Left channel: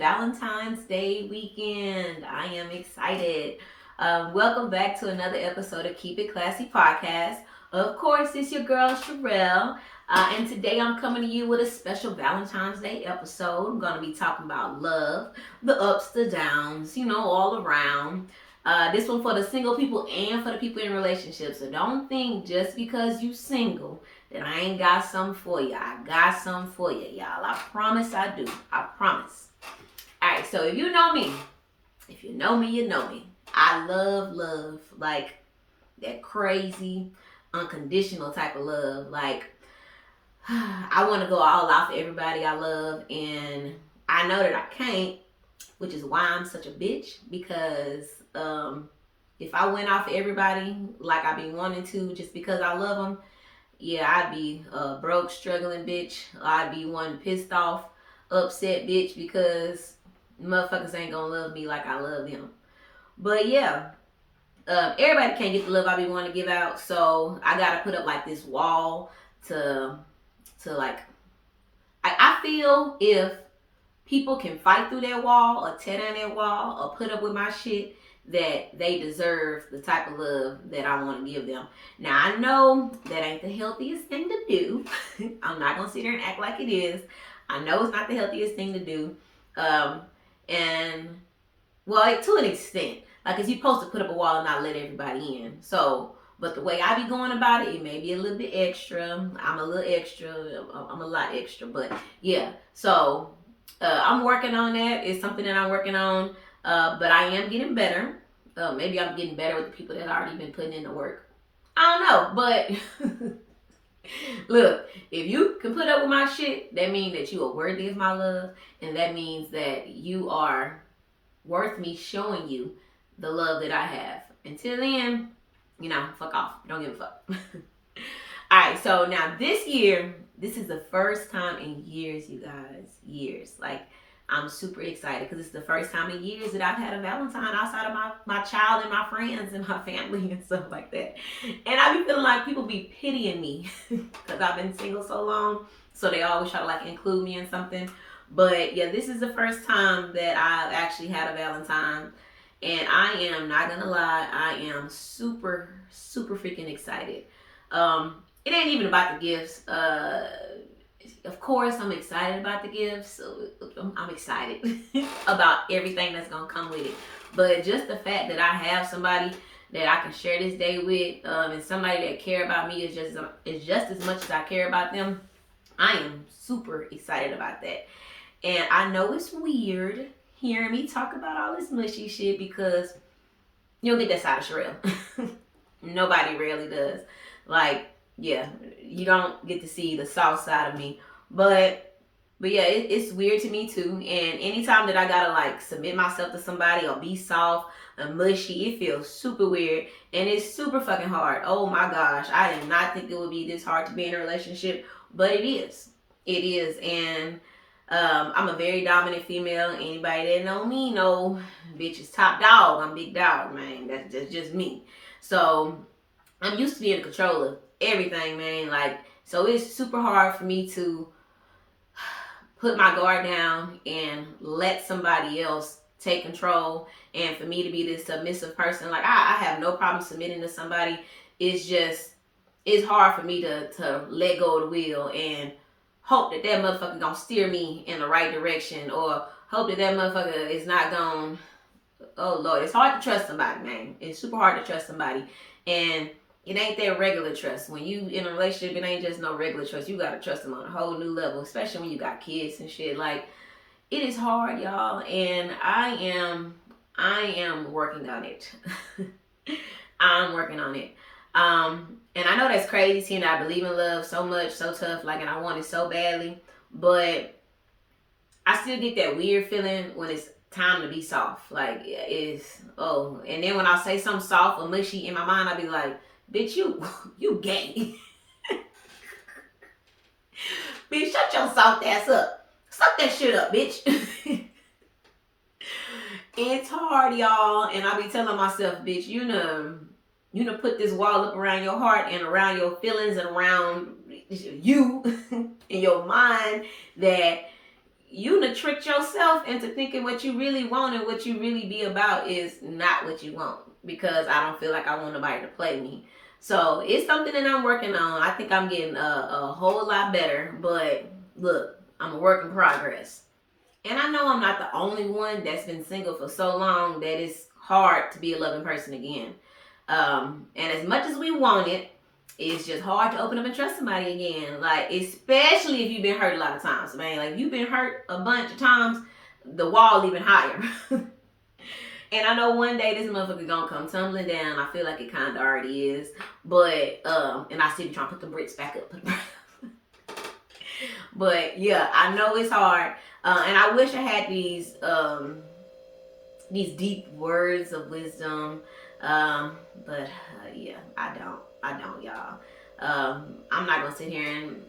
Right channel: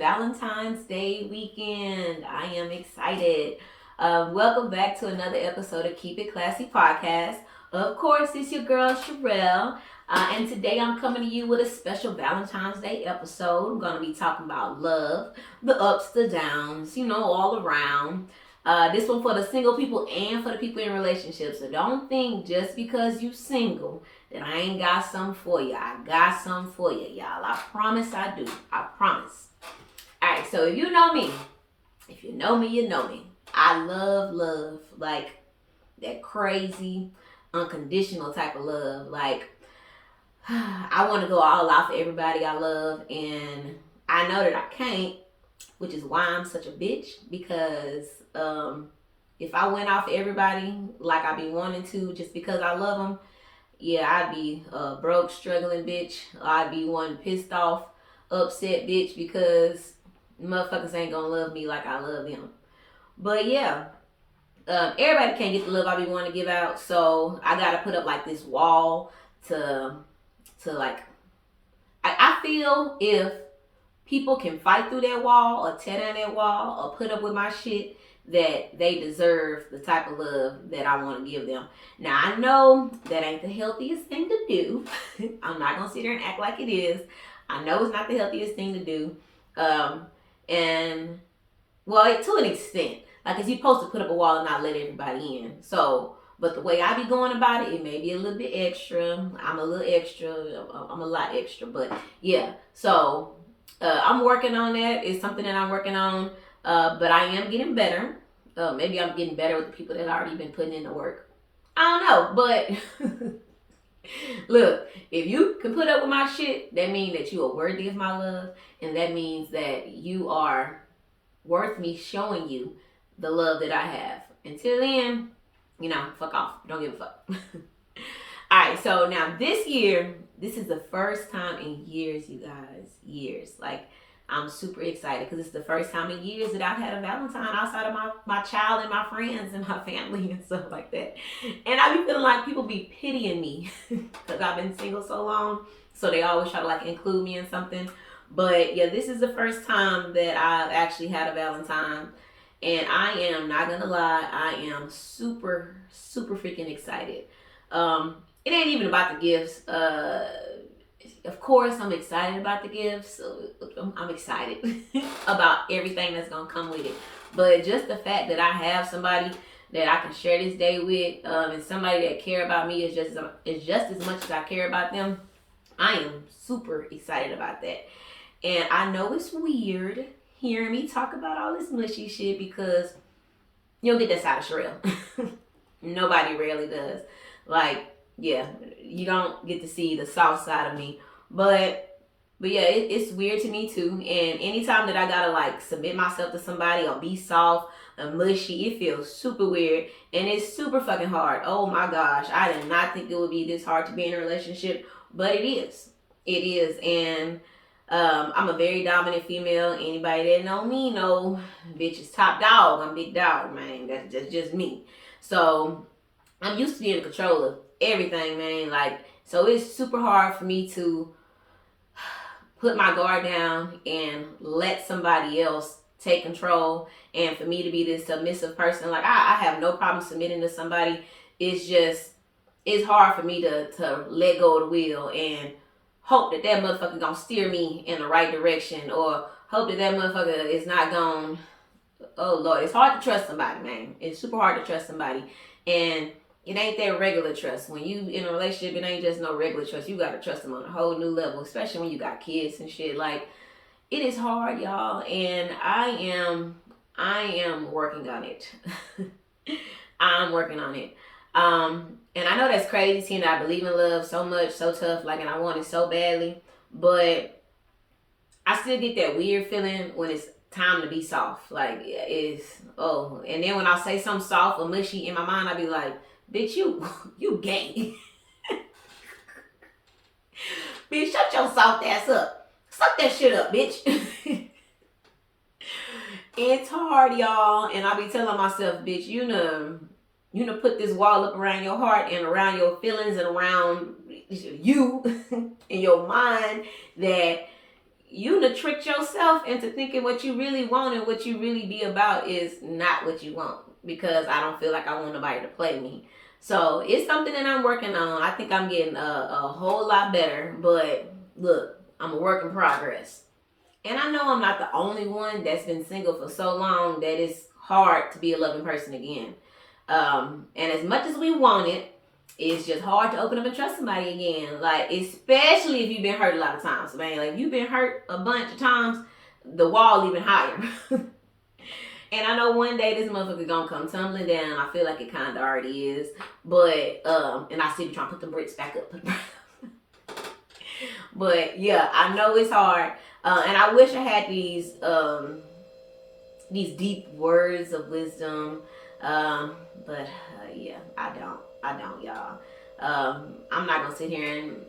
Valentine's Day weekend. I am excited. Welcome back to another episode of Keep It Classy podcast. Of course, it's your girl Cherrelle, and today I'm coming to you with a special Valentine's Day episode. I'm going to be talking about love, the ups, the downs, all around. This one for the single people and for the people in relationships. So don't think just because you single that I ain't got something for you. I got something for you, y'all. I promise I do. I promise. All right, so if you know me, you know me. I love love, like that crazy, unconditional type of love. Like, I want to go all out for everybody I love, and I know that I can't, which is why I'm such a bitch, because if I went off for everybody like I be wanting to just because I love them, yeah, I'd be a broke, struggling bitch. I'd be one pissed off, upset bitch because motherfuckers ain't gonna love me like I love them. But yeah, everybody can't get the love I be wanting to give out, so I gotta put up like this wall to like. I feel if people can fight through that wall or tear down that wall or put up with my shit, that they deserve the type of love that I want to give them. Now, I know that ain't the healthiest thing to do. I'm not going to sit there and act like it is. I know it's not the healthiest thing to do. And, well, to an extent. Like, because you're supposed to put up a wall and not let everybody in. So, but the way I be going about it, it may be a little bit extra. I'm a little extra. I'm a lot extra. But, yeah. So, I'm working on that. It's something that I'm working on. But I am getting better. Maybe I'm getting better with the people that already been putting in the work. I don't know, but look, if you can put up with my shit, that means that you are worthy of my love, and that means that you are worth me showing you the love that I have. Until then, fuck off. Don't give a fuck. All right, so now this year, this is the first time in years, you guys, years. Like, I'm super excited because it's the first time in years that I've had a Valentine outside of my child and my friends and my family and stuff like that. And I be feeling like people be pitying me because I've been single so long. So they always try to like include me in something. But yeah, this is the first time that I've actually had a Valentine. And I am not going to lie, I am super, super freaking excited. It ain't even about the gifts. Of course, I'm excited about the gifts. So I'm excited about everything that's gonna come with it. But just the fact that I have somebody that I can share this day with, and somebody that care about me is just as much as I care about them. I am super excited about that. And I know it's weird hearing me talk about all this mushy shit because you don't get that side of Cherrelle. Nobody rarely does. Like, yeah, you don't get to see the soft side of me. But yeah, it's weird to me too. And anytime that I gotta like submit myself to somebody or be soft and mushy, it feels super weird. And it's super fucking hard. Oh my gosh. I did not think it would be this hard to be in a relationship. But it is. It is. And I'm a very dominant female. Anybody that know me know bitch is top dog. I'm big dog, man. That's just me. So I'm used to being in control of everything, man. Like, so it's super hard for me to put my guard down and let somebody else take control, and for me to be this submissive person. Like, I have no problem submitting to somebody. It's hard for me to let go of the wheel and hope that motherfucker gonna steer me in the right direction, or hope that motherfucker is not gonna, oh Lord, it's hard to trust somebody, man. It's super hard to trust somebody. And it ain't that regular trust. When you in a relationship, it ain't just no regular trust. You gotta trust them on a whole new level, especially when you got kids and shit. Like, it is hard, y'all, and I am working on it. I'm working on it. And I know that's crazy, seeing that I believe in love so much, so tough, like, and I want it so badly, but I still get that weird feeling when it's time to be soft. Like, and then when I say something soft or mushy in my mind, I be like, bitch, you gay. Bitch, shut your soft ass up. Suck that shit up, bitch. It's hard, y'all. And I be telling myself, bitch, you know, put this wall up around your heart and around your feelings and around you in your mind, that you done tricked yourself into thinking what you really want and what you really be about is not what you want, because I don't feel like I want nobody to play me. So it's something that I'm working on. I think I'm getting a whole lot better, but look, I'm a work in progress. And I know I'm not the only one that's been single for so long that it's hard to be a loving person again. And as much as we want it, it's just hard to open up and trust somebody again. Like, especially if you've been hurt a lot of times, man. Like, if you've been hurt a bunch of times, the wall even higher. And I know one day this motherfucker gonna come tumbling down. I feel like it kind of already is. But, and I still be trying to put the bricks back up. But yeah, I know it's hard. And I wish I had these deep words of wisdom. But yeah, I don't, y'all. I'm not gonna sit here and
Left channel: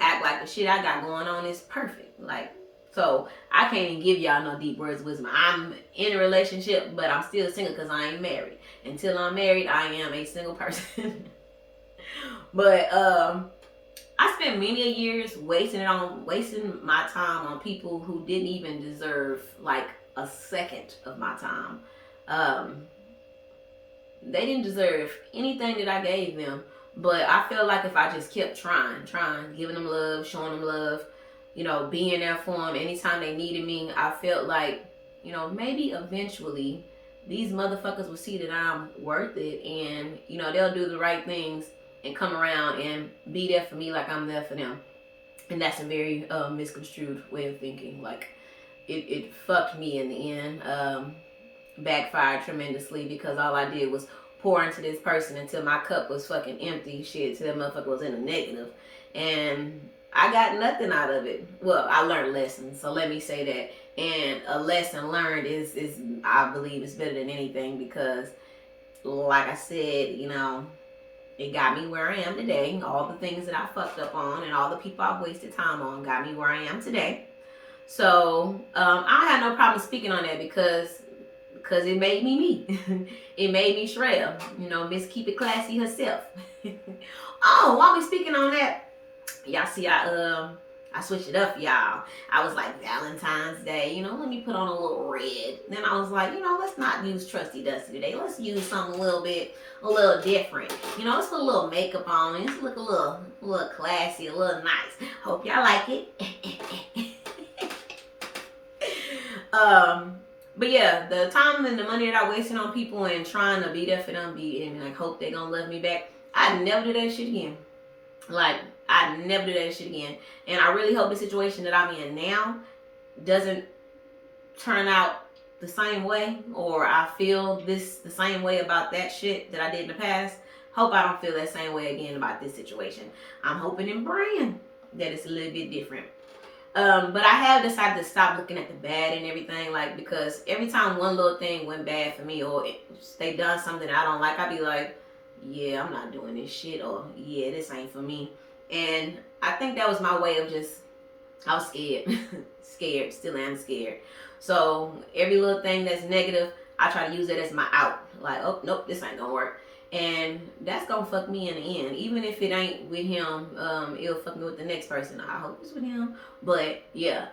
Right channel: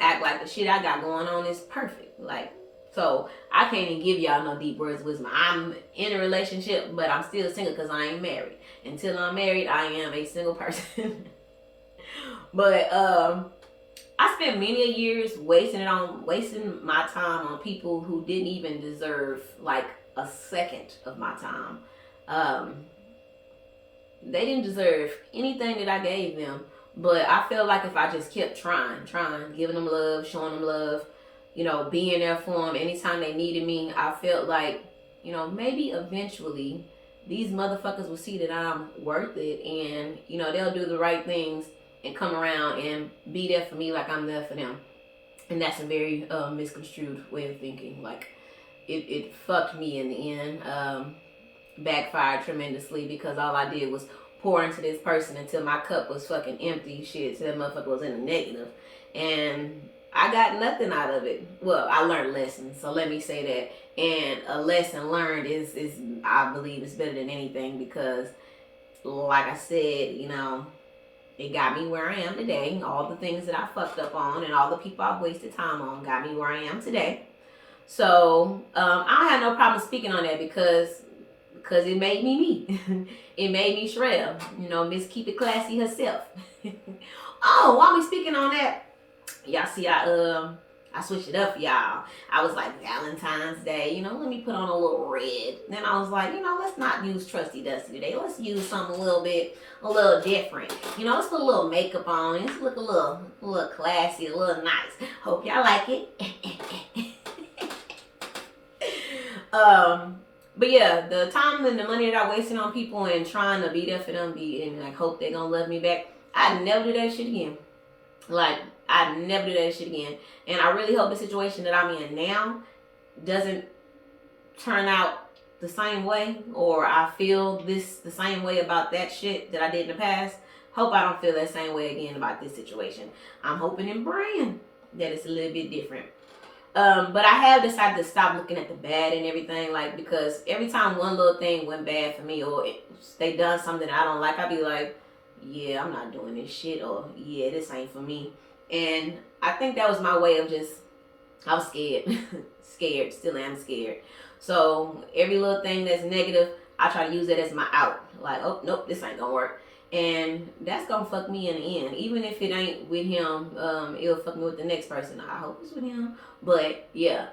act like the shit I got going on is perfect. Like, so I can't even give y'all no deep words of wisdom. I'm in a relationship, but I'm still single because I ain't married. Until I'm married, I am a single person. But I spent many years wasting my time on people who didn't even deserve like a second of my time. They didn't deserve anything that I gave them. But I felt like if I just kept trying, giving them love, showing them love, being there for them anytime they needed me, I felt like, maybe eventually these motherfuckers will see that I'm worth it, and, they'll do the right things and come around and be there for me like I'm there for them. And that's a very misconstrued way of thinking. Like, it fucked me in the end. Backfired tremendously because all I did was pour into this person until my cup was fucking empty. Shit, till that motherfucker was in a negative. And I got nothing out of it. Well, I learned lessons, so let me say that. And a lesson learned is I believe is better than anything, because like I said, it got me where I am today. All the things that I fucked up on and all the people I've wasted time on got me where I am today. So I have no problem speaking on that because it made me me. It made me Cherrelle, Miss Keep It Classy herself. Oh, while we speaking on that, y'all see I switched it up for y'all. I was like, Valentine's Day, let me put on a little red. Then I was like, let's not use Trusty Dusty today. Let's use something a little different. Let's put a little makeup on. Let's look a little classy, a little nice. Hope y'all like it. But yeah, the time and the money that I wasted on people and trying to be there for them, and like hope they gonna love me back, I'd never do that shit again. Like, I'd never do that shit again. And I really hope the situation that I'm in now doesn't turn out the same way, or I feel the same way about that shit that I did in the past. Hope I don't feel that same way again about this situation. I'm hoping and praying that it's a little bit different. But I have decided to stop looking at the bad and everything, like, because every time one little thing went bad for me, or they done something I don't like, I'd be like, yeah, I'm not doing this shit, or yeah, this ain't for me. And I think that was my way of I was scared. Scared, still am scared. So every little thing that's negative, I try to use it as my out. Like, oh, nope, this ain't gonna work. And that's gonna fuck me in the end. Even if it ain't with him, it'll fuck me with the next person. I hope it's with him. But yeah.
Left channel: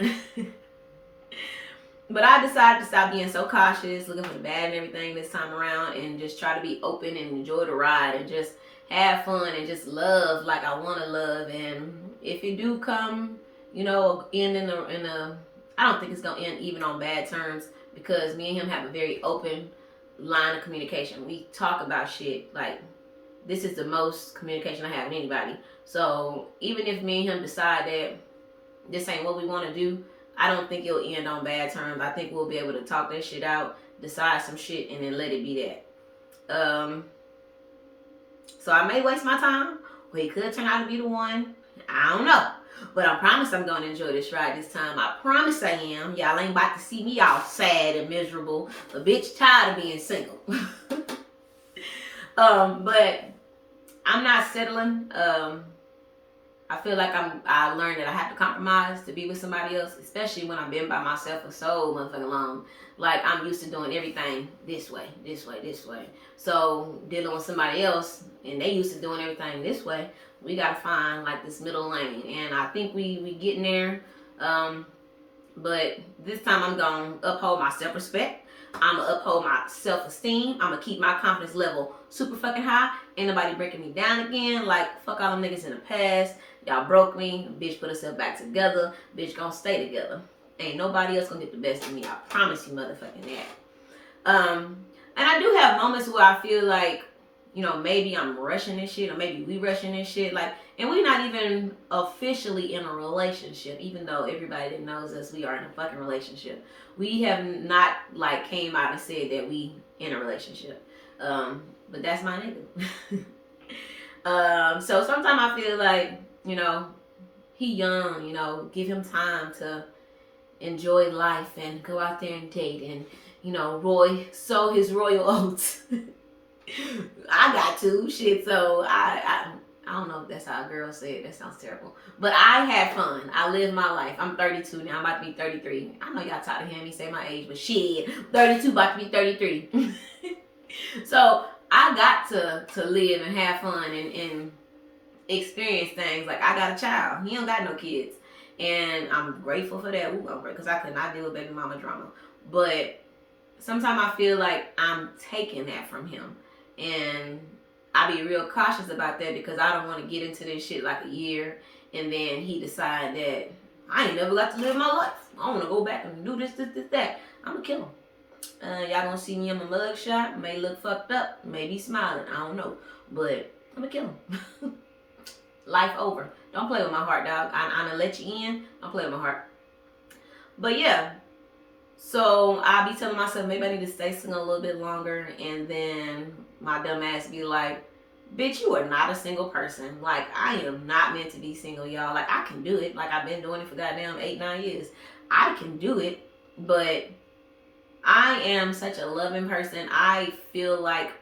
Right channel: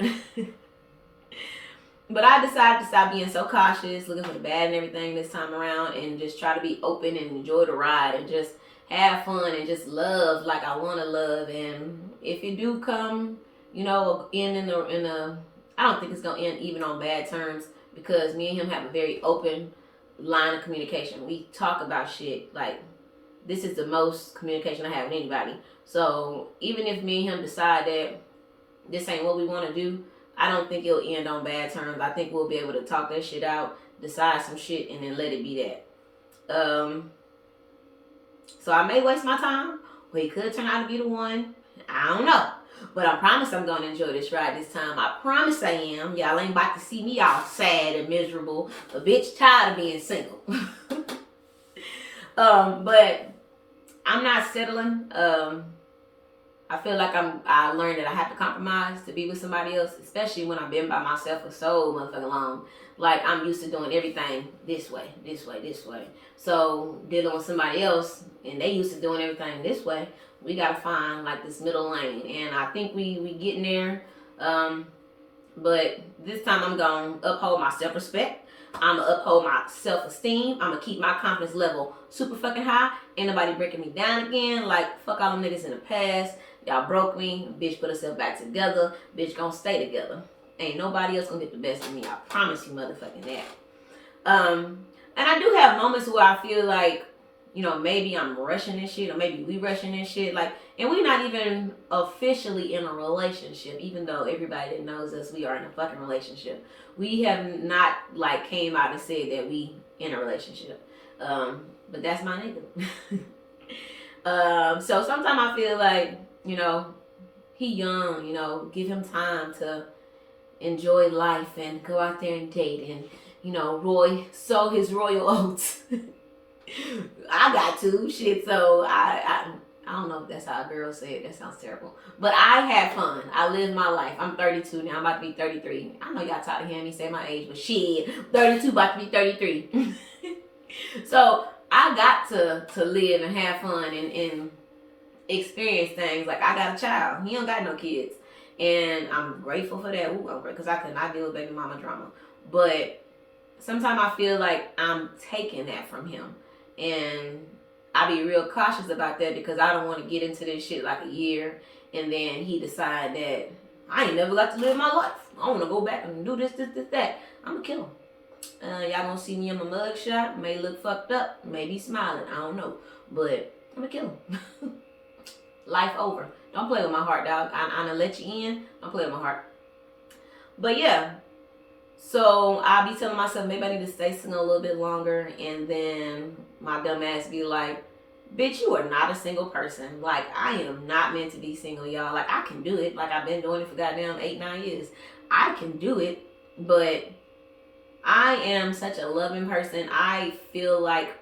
But I decided to stop being so cautious, looking for the bad and everything this time around, and just try to be open and enjoy the ride and just have fun and just love like I want to love. And if it do come, end in a, I don't think it's gonna end even on bad terms, because me and him have a very open line of communication. We talk about shit. Like, this is the most communication I have with anybody. So even if me and him decide that this ain't what we want to do, I don't think it'll end on bad terms. I think we'll be able to talk that shit out, decide some shit, and then let it be that. So I may waste my time, or he could turn out to be the one. I don't know. But I promise I'm going to enjoy this ride this time. I promise I am. Y'all ain't about to see me all sad and miserable. A bitch tired of being single. But I'm not settling. I feel like I learned that I have to compromise to be with somebody else, especially when I've been by myself for so motherfucking long. Like, I'm used to doing everything this way. So dealing with somebody else, and they used to doing everything this way, we gotta find like this middle lane. And I think we getting there. But this time I'm going to uphold my self-respect. I'm going to uphold my self-esteem. I'm going to keep my confidence level super fucking high. Ain't nobody breaking me down again. Like, fuck all them niggas in the past. Y'all broke me. Bitch put herself back together. Bitch gonna stay together. Ain't nobody else gonna get the best of me. I promise you motherfucking that. And I do have moments where I feel like, you know, maybe I'm rushing this shit, or maybe we rushing this shit. Like, and we're not even officially in a relationship, even though everybody that knows us, we are in a fucking relationship. We have not like came out and said that we in a relationship. But that's my nigga. So sometimes I feel like, you know, he young, you know, give him time to enjoy life and go out there and date and, you know, sow his royal oats. I got to shit, so I don't know if that's how a girl say it. That sounds terrible. But I had fun. I lived my life. I'm 32 now. I'm about to be 33. I know y'all tired of hearing me say my age, but shit, 32 about to be 33. So I got to live and have fun and experience things. Like, I got a child. He don't got no kids. And I'm grateful for that. Ooh, I'm grateful because I could not deal with baby mama drama. But sometimes I feel like I'm taking that from him. And I be real cautious about that because I don't want to get into this shit like a year and then he decide that I ain't never got to live my life. I want to go back and do this, that. I'm going to kill him. Y'all gonna see me in my mug shot. May look fucked up. May be smiling. I don't know. But I'm going to kill him. Life over. Don't play with my heart, dog. I'm going to let you in. Don't play with my heart. But yeah. So I be telling myself maybe I need to stay single a little bit longer, and then my dumb ass be like, bitch, you are not a single person. Like, I am not meant to be single, y'all. Like, I can do it. Like, I've been doing it for goddamn 8-9 years. I can do it, but I am such a loving person. I feel like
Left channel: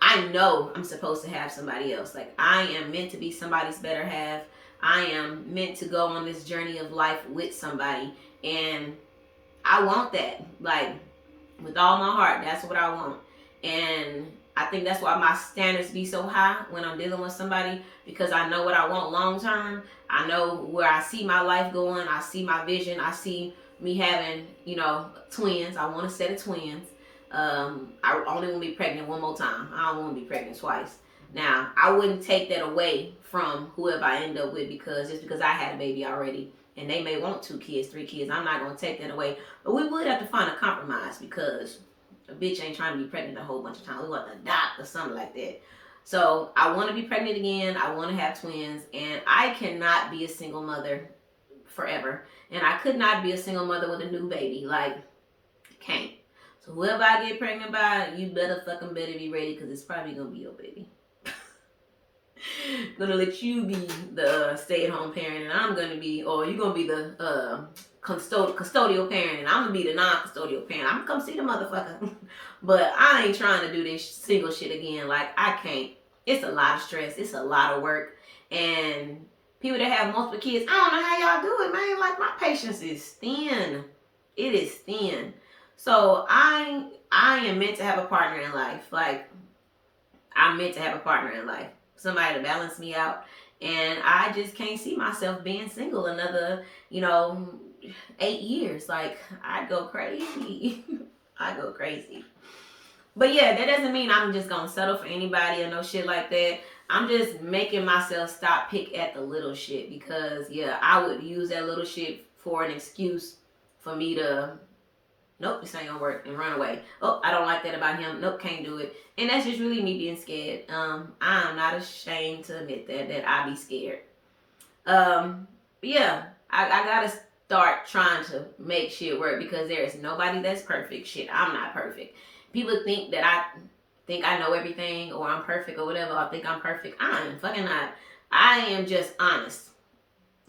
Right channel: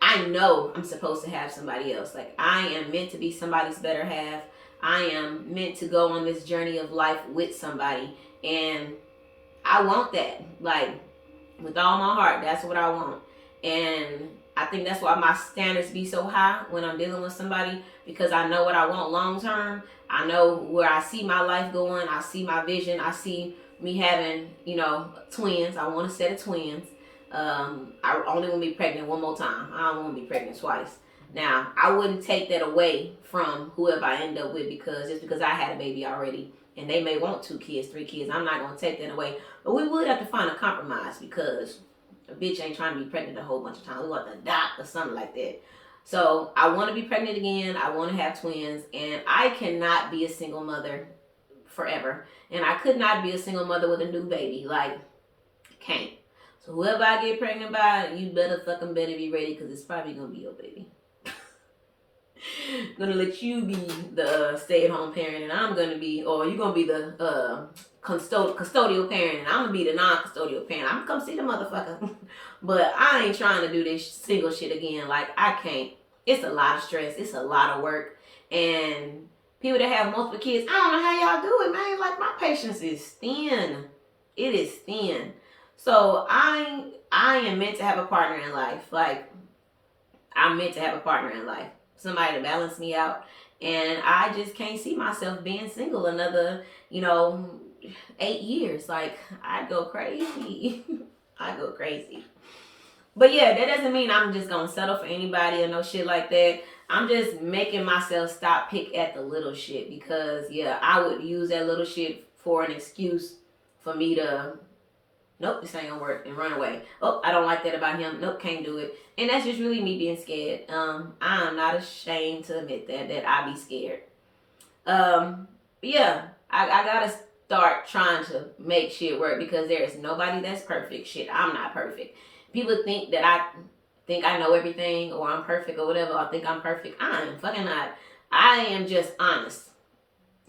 I know I'm supposed to have somebody else. Like, I am meant to be somebody's better half. I am meant to go on this journey of life with somebody, and I want that, like, with all my heart. That's what I want. And I think that's why my standards be so high when I'm dealing with somebody, because I know what I want long term. I know where I see my life going. I see my vision. I see me having, you know, twins. I want a set of twins. I only want to be pregnant one more time. I don't want to be pregnant twice. Now, I wouldn't take that away from whoever I end up with, because just because I had a baby already and they may want 2 kids, 3 kids, I'm not going to take that away. But we would have to find a compromise, because a bitch ain't trying to be pregnant a whole bunch of times. We want to adopt or something like that. So I want to be pregnant again. I want to have twins. And I cannot be a single mother forever. And I could not be a single mother with a new baby. Like, can't. So whoever I get pregnant by, you better be ready, because it's probably going to be your baby. Gonna let you be the stay-at-home parent, and I'm gonna be, or you're gonna be the custodial parent, and I'm gonna be the non-custodial parent. I'm gonna come see the motherfucker. But I ain't trying to do this single shit again. Like, I can't. It's a lot of stress. It's a lot of work. And people that have multiple kids, I don't know how y'all do it, man. Like, my patience is thin. It is thin. So I am meant to have a partner in life. Like, I'm meant to have a partner in life. Somebody to balance me out. And I just can't see myself being single another, 8 years. Like, I'd go crazy. I'd go crazy. But yeah, that doesn't mean I'm just gonna settle for anybody or no shit like that. I'm just making myself stop pick at the little shit, because yeah, I would use that little shit for an excuse for me to, nope, this ain't gonna work, and run away. Oh, I don't like that about him. Nope, can't do it. And that's just really me being scared. I'm not ashamed to admit that I be scared. Yeah, I gotta start trying to make shit work, because there is nobody that's perfect. Shit, I'm not perfect. People think that I know everything, or I'm perfect, or whatever, or think I'm perfect. I am fucking not. I am just honest.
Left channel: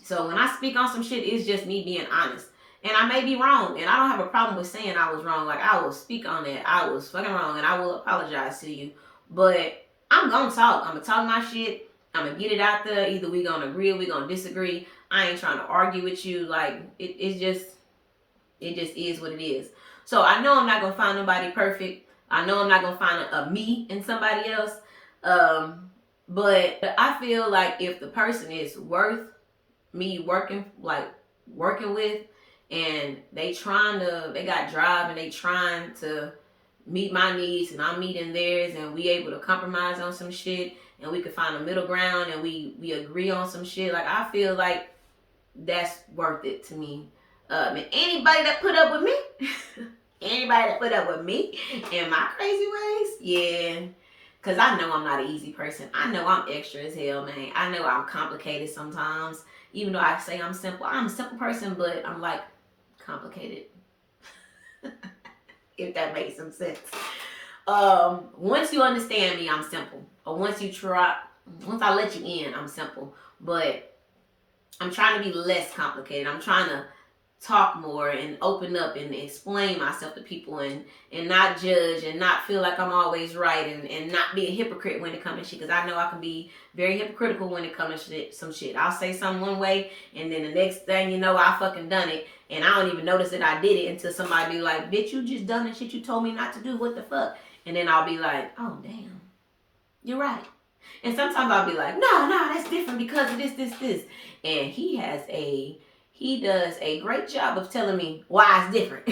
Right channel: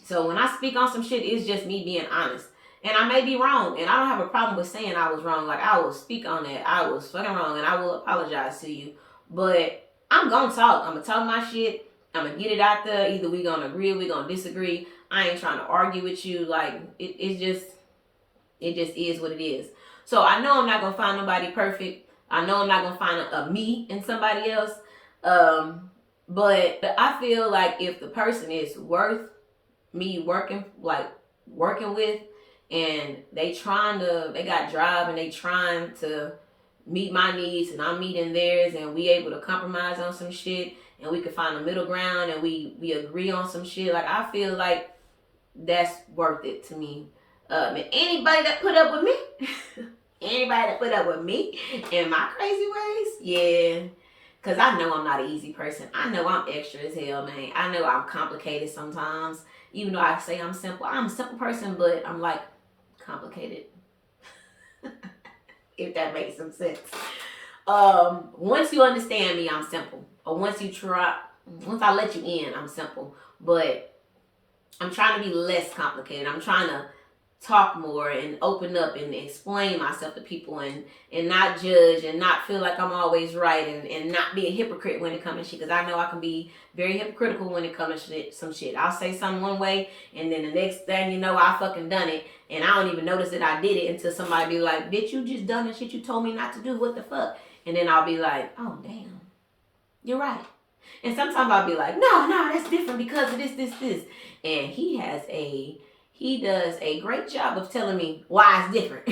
So when I speak on some shit, it's just me being honest. And I may be wrong, and I don't have a problem with saying I was wrong. Like, I will speak on that. I was fucking wrong, and I will apologize to you. But I'm gonna talk. I'm gonna talk my shit. I'm gonna get it out there. Either we gonna agree or we gonna disagree. I ain't trying to argue with you. Like, it just is what it is. So I know I'm not gonna find nobody perfect. I know I'm not gonna find a me in somebody else. But I feel like if the person is worth me working with, and they got drive and they trying to meet my needs and I'm meeting theirs, and we able to compromise on some shit, and we could find a middle ground, and we agree on some shit. Like, I feel like that's worth it to me. And anybody that put up with me, anybody that put up with me and my crazy ways, yeah. Cause I know I'm not an easy person. I know I'm extra as hell, man. I know I'm complicated sometimes. Even though I say I'm simple, I'm a simple person, but I'm like complicated. If that makes some sense. Once you understand me, I'm simple. Or once I let you in, I'm simple. But I'm trying to be less complicated. I'm trying to talk more and open up and explain myself to people, and not judge and not feel like I'm always right, and not be a hypocrite when it comes to shit, because I know I can be very hypocritical when it comes to some shit. I'll say something one way, and then the next thing you know, I fucking done it, and I don't even notice that I did it until somebody be like, bitch, you just done the shit you told me not to do, what the fuck? And then I'll be like, oh damn, you're right. And sometimes I'll be like, no, that's different because of this. And he does a great job of telling me why it's different.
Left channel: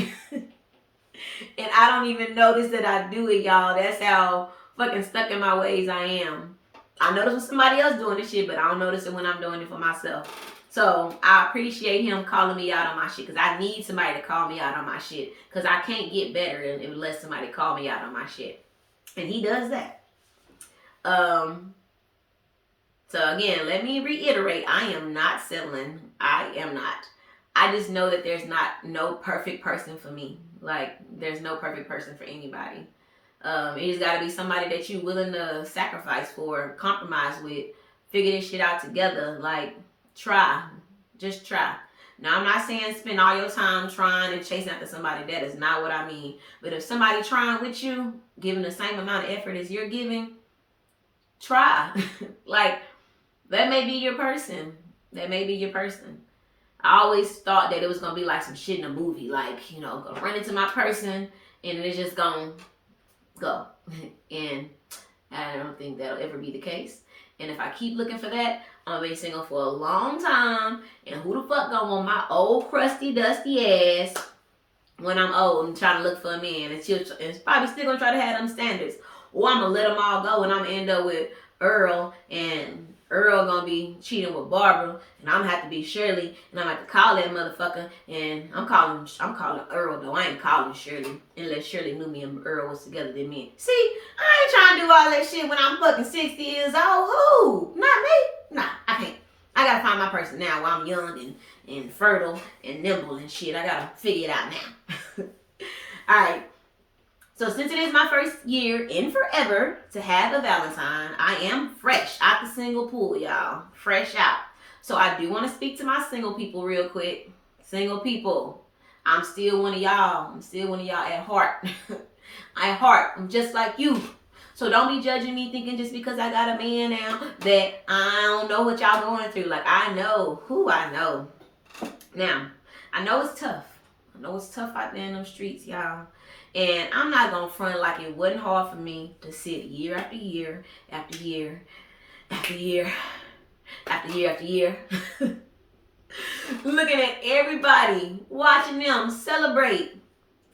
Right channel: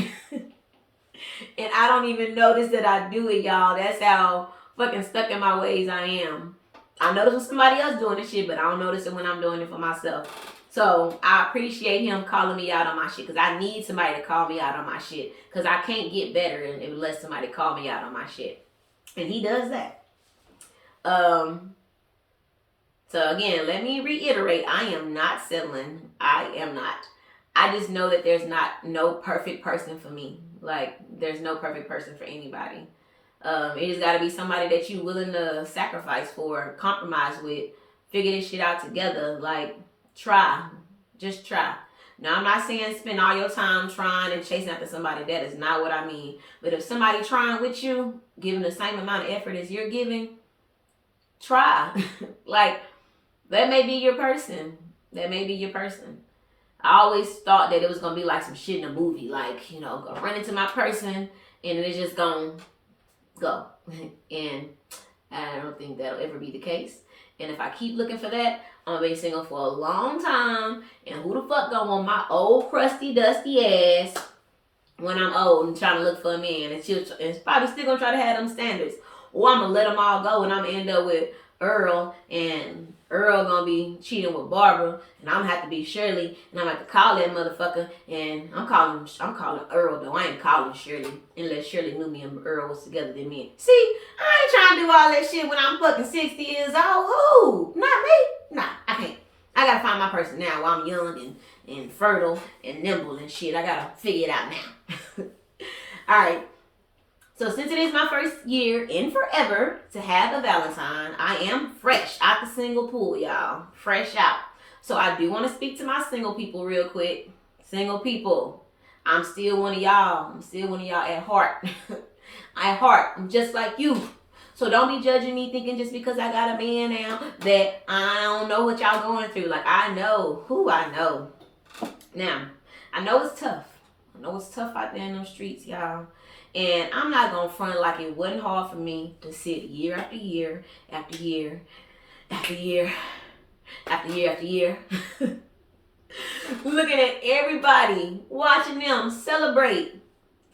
And I don't even notice that I do it, y'all. That's how fucking stuck in my ways I am. I notice when somebody else doing this shit, but I don't notice it when I'm doing it for myself. So I appreciate him calling me out on my shit, because I need somebody to call me out on my shit, because I can't get better unless somebody call me out on my shit. And he does that. So again, let me reiterate, I am not settling. I am not. I just know that there's no perfect person for me. Like, there's no perfect person for anybody. It just gotta be somebody that you willing to sacrifice for, compromise with, figure this shit out together. Like, try. Just try. Now, I'm not saying spend all your time trying and chasing after somebody. That is not what I mean. But if somebody trying with you, giving the same amount of effort as you're giving, try. Like, that may be your person. That may be your person. I always thought that it was gonna be like some shit in a movie, like, you know, go run into my person and it's just gonna go. And I don't think that'll ever be the case. And if I keep looking for that, I'm gonna be single for a long time. And who the fuck gonna want my old crusty dusty ass when I'm old and trying to look for a man? And it's probably still gonna try to have them standards. Or I'm gonna let them all go and I'm gonna end up with Earl, and Earl gonna be cheating with Barbara, and I'm gonna have to be Shirley, and I'm gonna have to call that motherfucker, and I'm calling Earl though. I ain't calling Shirley, unless Shirley knew me and Earl was together then me. See, I ain't trying to do all that shit when I'm fucking 60 years old. Who? Not me. Nah, I can't. I gotta find my person now while I'm young and fertile and nimble and shit. I gotta figure it out now. Alright. So since it is my first year in forever to have a Valentine, I am fresh out the single pool, y'all. Fresh out. So I do want to speak to my single people real quick. Single people, I'm still one of y'all. I'm still one of y'all at heart. At heart, I'm just like you. So don't be judging me thinking just because I got a man now that I don't know what y'all going through. Like, I know who I know. Now, I know it's tough. I know it's tough out there in them streets, y'all. And I'm not going to front like it wasn't hard for me to sit year after year after year after year after year after year looking at everybody, watching them celebrate.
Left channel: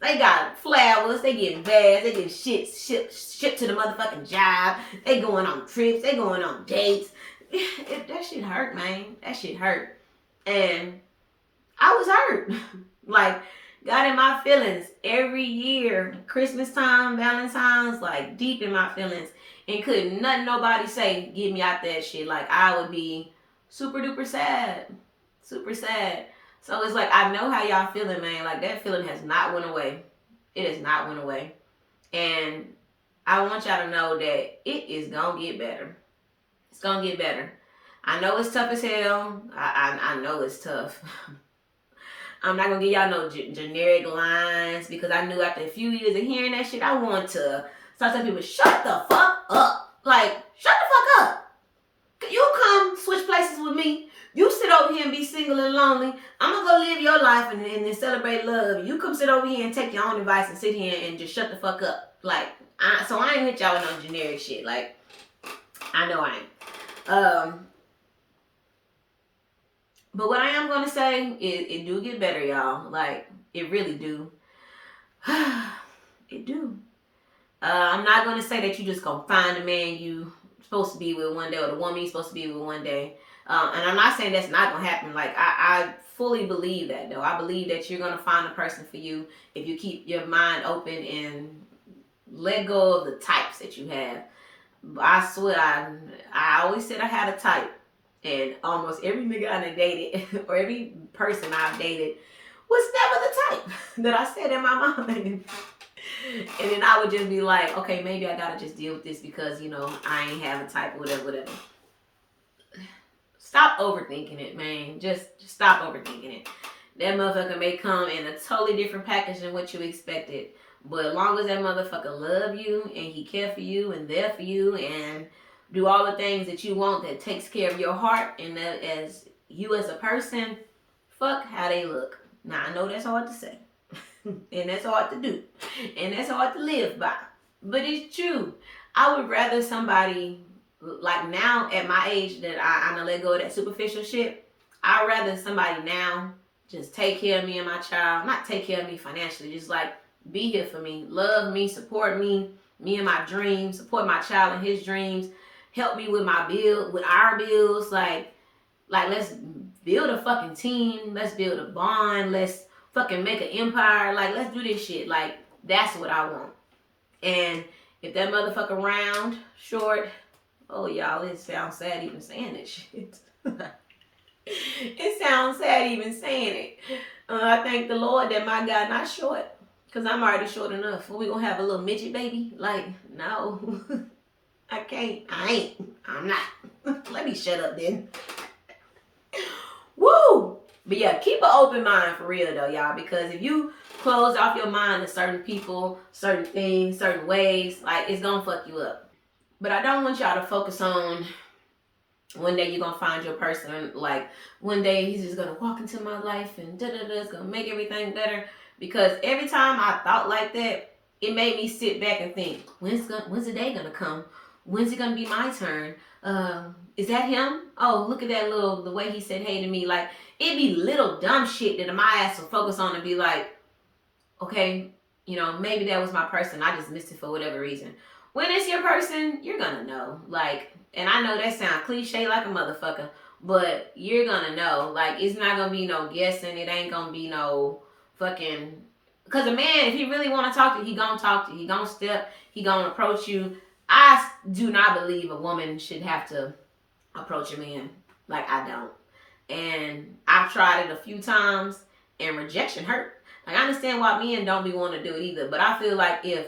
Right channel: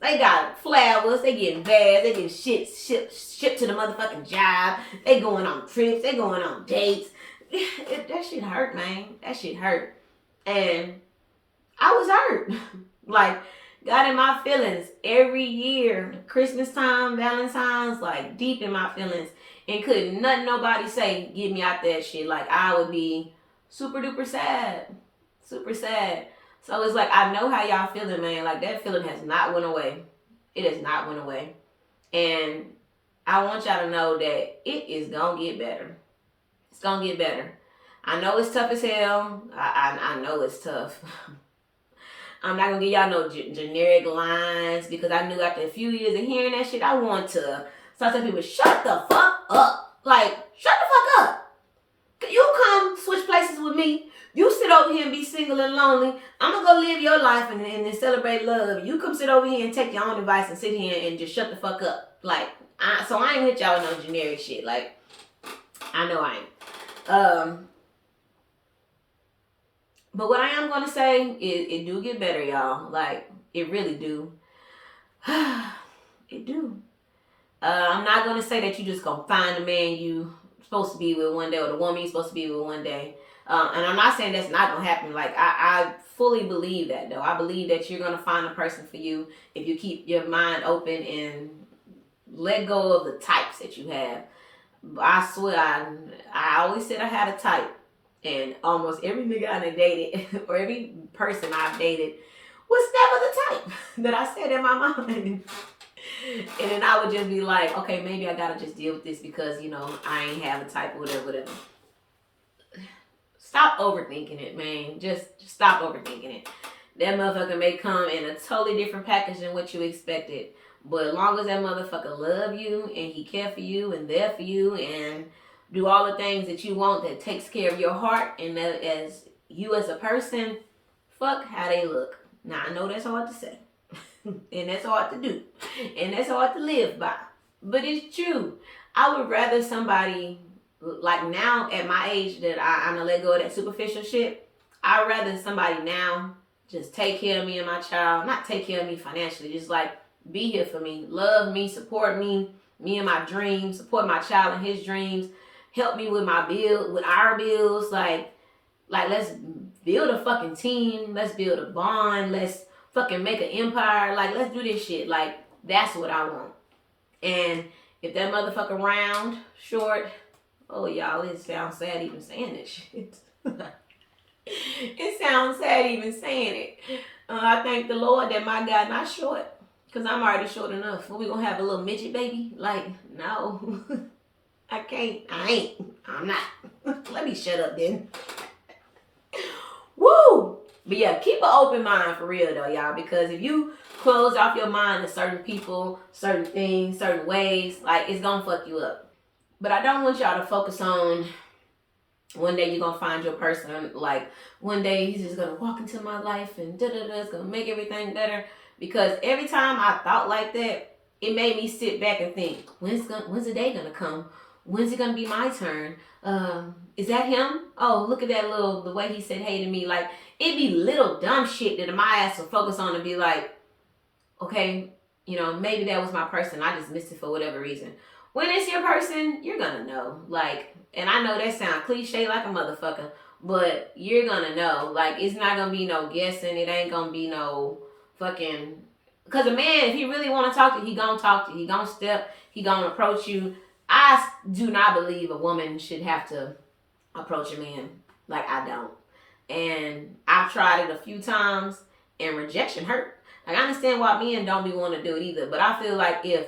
They got flowers, they getting bags, they getting shit shipped to the motherfucking job. They going on trips, they going on dates. That shit hurt, man. That shit hurt. And I was hurt. Like, got in my feelings every year. Christmas time, Valentine's, like deep in my feelings. And couldn't nothing nobody say get me out that shit. Like, I would be super duper sad. Super sad. So it's like, I know how y'all feeling, man. Like, that feeling has not went away. It has not went away. And I want y'all to know that it is gonna get better. It's gonna get better. I know it's tough as hell. I know it's tough. I'm not gonna give y'all no generic lines, because I knew after a few years of hearing that shit, I want to start telling people, shut the fuck up. Like, shut the fuck up. You come switch places with me. You sit over here and be single and lonely. I'm gonna go live your life and then celebrate love. You come sit over here and take your own advice and sit here and just shut the fuck up. Like, so I ain't hit y'all with no generic shit. Like, I know I ain't. But what I am gonna say is it do get better, y'all. Like it really do. It do. I'm not gonna say that you just gonna find the man you supposed to be with one day or the woman you supposed to be with one day. And I'm not saying that's not gonna happen. Like I fully believe that though. I believe that you're gonna find a person for you if you keep your mind open and let go of the types that you have. I swear, I always said I had a type, and almost every nigga I done dated or every person I've dated was never the type that I said in my mind. And then I would just be like, okay, maybe I gotta just deal with this because I ain't have a type or whatever. Stop overthinking it, man. Just stop overthinking it. That motherfucker may come in a totally different package than what you expected. But as long as that motherfucker love you and he care for you and there for you and do all the things that you want that takes care of your heart and that as you as a person, fuck how they look. Now I know that's hard to say. And that's hard to do. And that's hard to live by. But it's true. I would rather somebody like now at my age that I'm gonna let go of that superficial shit. I'd rather somebody now just take care of me and my child. Not take care of me financially, just like be here for me, love me, support me and my dreams, support my child and his dreams, help me with my bill, with our bills. Like let's build a fucking team. Let's build a bond. Let's fucking make an empire. Like let's do this shit. Like that's what I want. And if that motherfucker round, short, oh y'all, it sounds sad even saying that shit. It sounds sad even saying it. I thank the Lord that my God not short. Because I'm already short enough. What, we gonna have a little midget baby? Like, no. I can't. I ain't. I'm not. Let me shut up then. Woo! But yeah, keep an open mind for real though, y'all. Because if you close off your mind to certain people, certain things, certain ways, like it's gonna fuck you up. But I don't want y'all to focus on one day you're gonna find your person. Like one day he's just gonna walk into my life and da-da-da, it's gonna make everything better. Because every time I thought like that, it made me sit back and think, when's the day gonna come? When's it gonna be my turn? Is that him? Oh, look at that the way he said hey to me. Like, it'd be little dumb shit that my ass will focus on and be like, okay, maybe that was my person. I just missed it for whatever reason. When it's your person, you're gonna know. Like, and I know that sounds cliche like a motherfucker, but you're gonna know. Like, it's not gonna be no guessing. It ain't gonna be no fucking, because a man, if he really want to talk to you, he gonna talk to you, he gonna step, he gonna approach you. I do not believe a woman should have to approach a man. Like, I don't. And I've tried it a few times and rejection hurt. Like, I understand why men don't be wanting to do it either, but I feel like if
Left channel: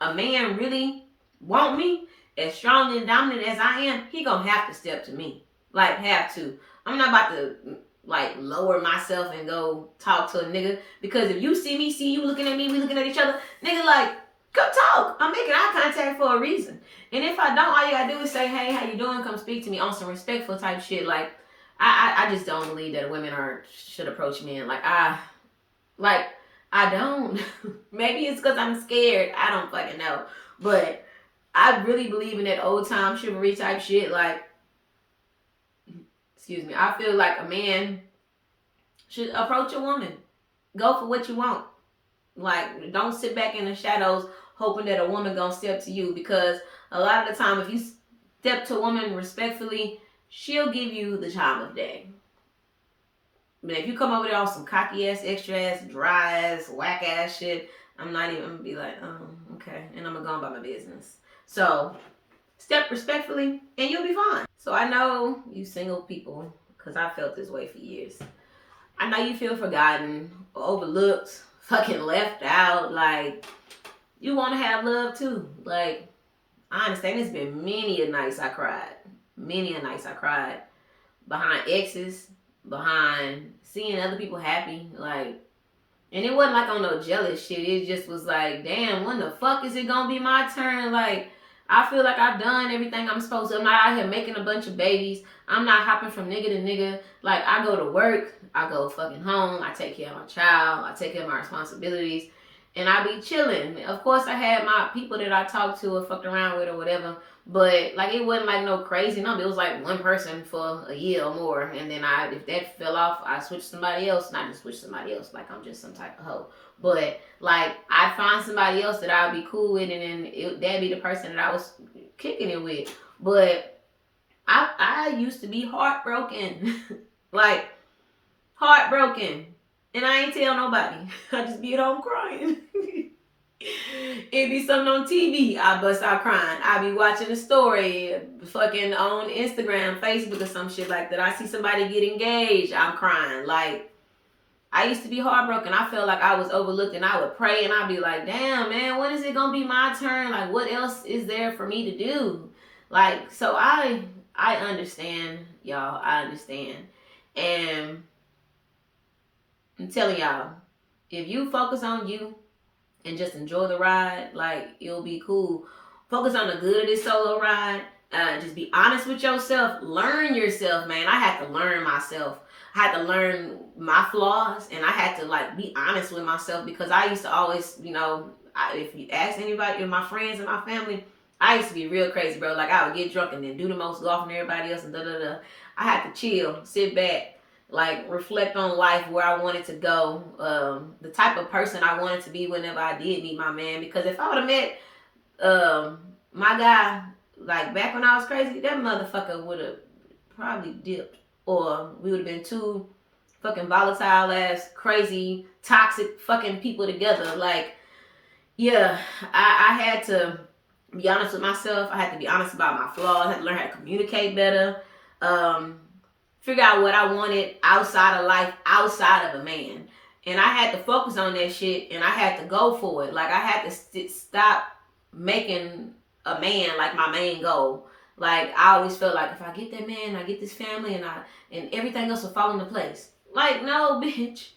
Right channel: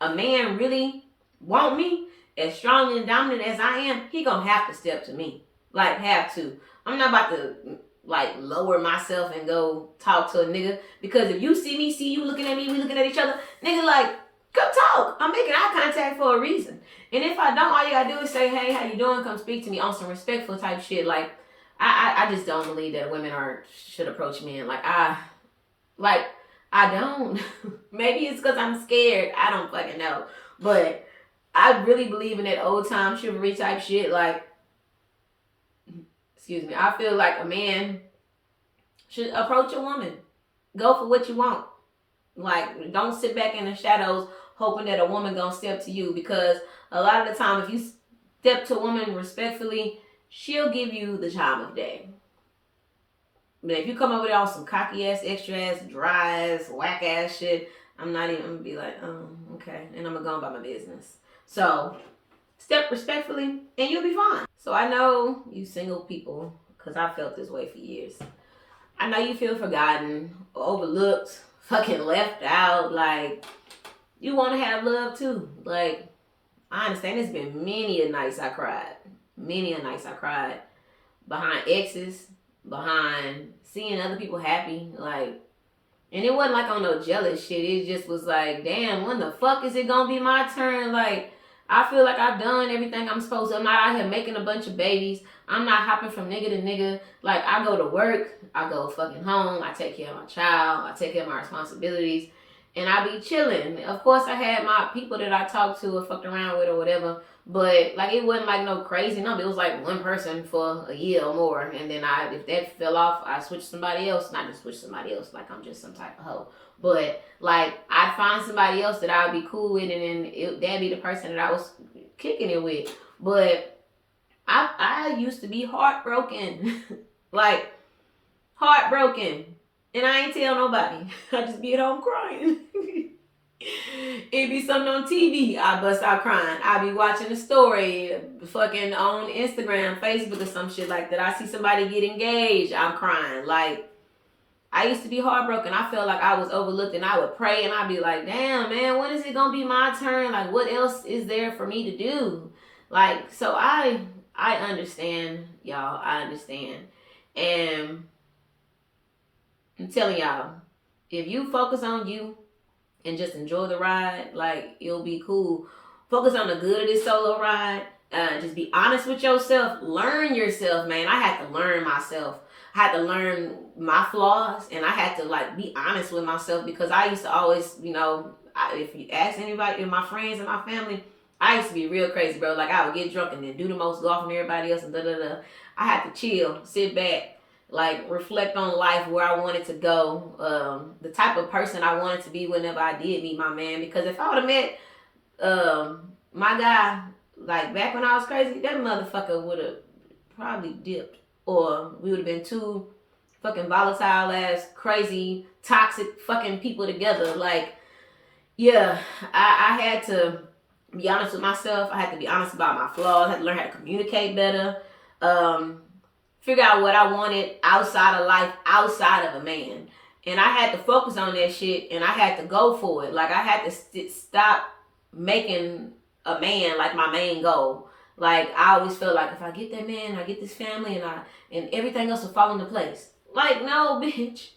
a man really want me as strong and dominant as I am, he gonna have to step to me. Like, have to. I'm not about to like lower myself and go talk to a nigga, because if you see you looking at me, we looking at each other, nigga, like, come talk. I'm making eye contact for a reason. And if I don't, all you gotta do is say, hey, how you doing? Come speak to me on some respectful type shit. Like, I just don't believe that women should approach men. Like, I don't. Maybe it's because I'm scared. I don't fucking know. But I really believe in that old time chivalry type shit. Like, excuse me, I feel like a man should approach a woman. Go for what you want. Like, don't sit back in the shadows hoping that a woman gonna step to you, because a lot of the time if you step to a woman respectfully, she'll give you the time of day. But if you come over there on some cocky ass, extra ass, dry ass, whack ass shit, I'm gonna be like, oh, okay. And I'm gonna go on about my business. So step respectfully and you'll be fine. So I know you single people, because I felt this way for years. I know you feel forgotten, overlooked, fucking left out. Like, you want to have love too. Like, I understand it's been many a nights I cried. Many a nights I cried behind exes, behind seeing other people happy. Like, and it wasn't like on no jealous shit. It just was like, damn, when the fuck is it gonna be my turn? Like, I feel like I've done everything I'm supposed to. I'm not out here making a bunch of babies. I'm not hopping from nigga to nigga. Like, I go to work, I go fucking home, I take care of my child, I take care of my responsibilities, and I be chilling. Of course, I had my people that I talked to or fucked around with or whatever, But like it wasn't like no crazy number. It was like one person for a year or more, and then if that fell off, I switched somebody else. Not just switch somebody else, like I'm just some type of hoe. But like I'd find somebody else that I would be cool with, and then that'd be the person that I was kicking it with. But I used to be heartbroken, like heartbroken, and I ain't tell nobody. I just be at home crying. It be something on TV, I bust out crying. I be watching a story, fucking on Instagram, Facebook, or some shit like that. I see somebody get engaged, I'm crying. Like, I used to be heartbroken. I felt like I was overlooked, and I would pray, and I'd be like, damn, man, when is it gonna be my turn? Like, what else is there for me to do? Like, so I understand, y'all. I understand. And I'm telling y'all, if you focus on you, and just enjoy the ride, like it'll be cool. Focus on the good of this solo ride. Just be honest with yourself. Learn yourself, man. I had to learn myself. I had to learn my flaws, and I had to like be honest with myself, because I used to always, if you ask anybody, my friends and my family, I used to be real crazy, bro. Like I would get drunk and then do the most golf and everybody else, and da da da. I had to chill, sit back, like reflect on life, where I wanted to go, the type of person I wanted to be whenever I did meet my man. Because if I would have met my guy like back when I was crazy, that motherfucker would have probably dipped, or we would have been two fucking volatile ass, crazy, toxic fucking people together. Like, yeah, I had to be honest with myself. I had to be honest about my flaws. I had to learn how to communicate better. Figure out what I wanted outside of life, outside of a man. And I had to focus on that shit, and I had to go for it. Like I had to stop making a man like my main goal. Like I always felt like if I get that man, I get this family, and everything else will fall into place. Like, no, bitch.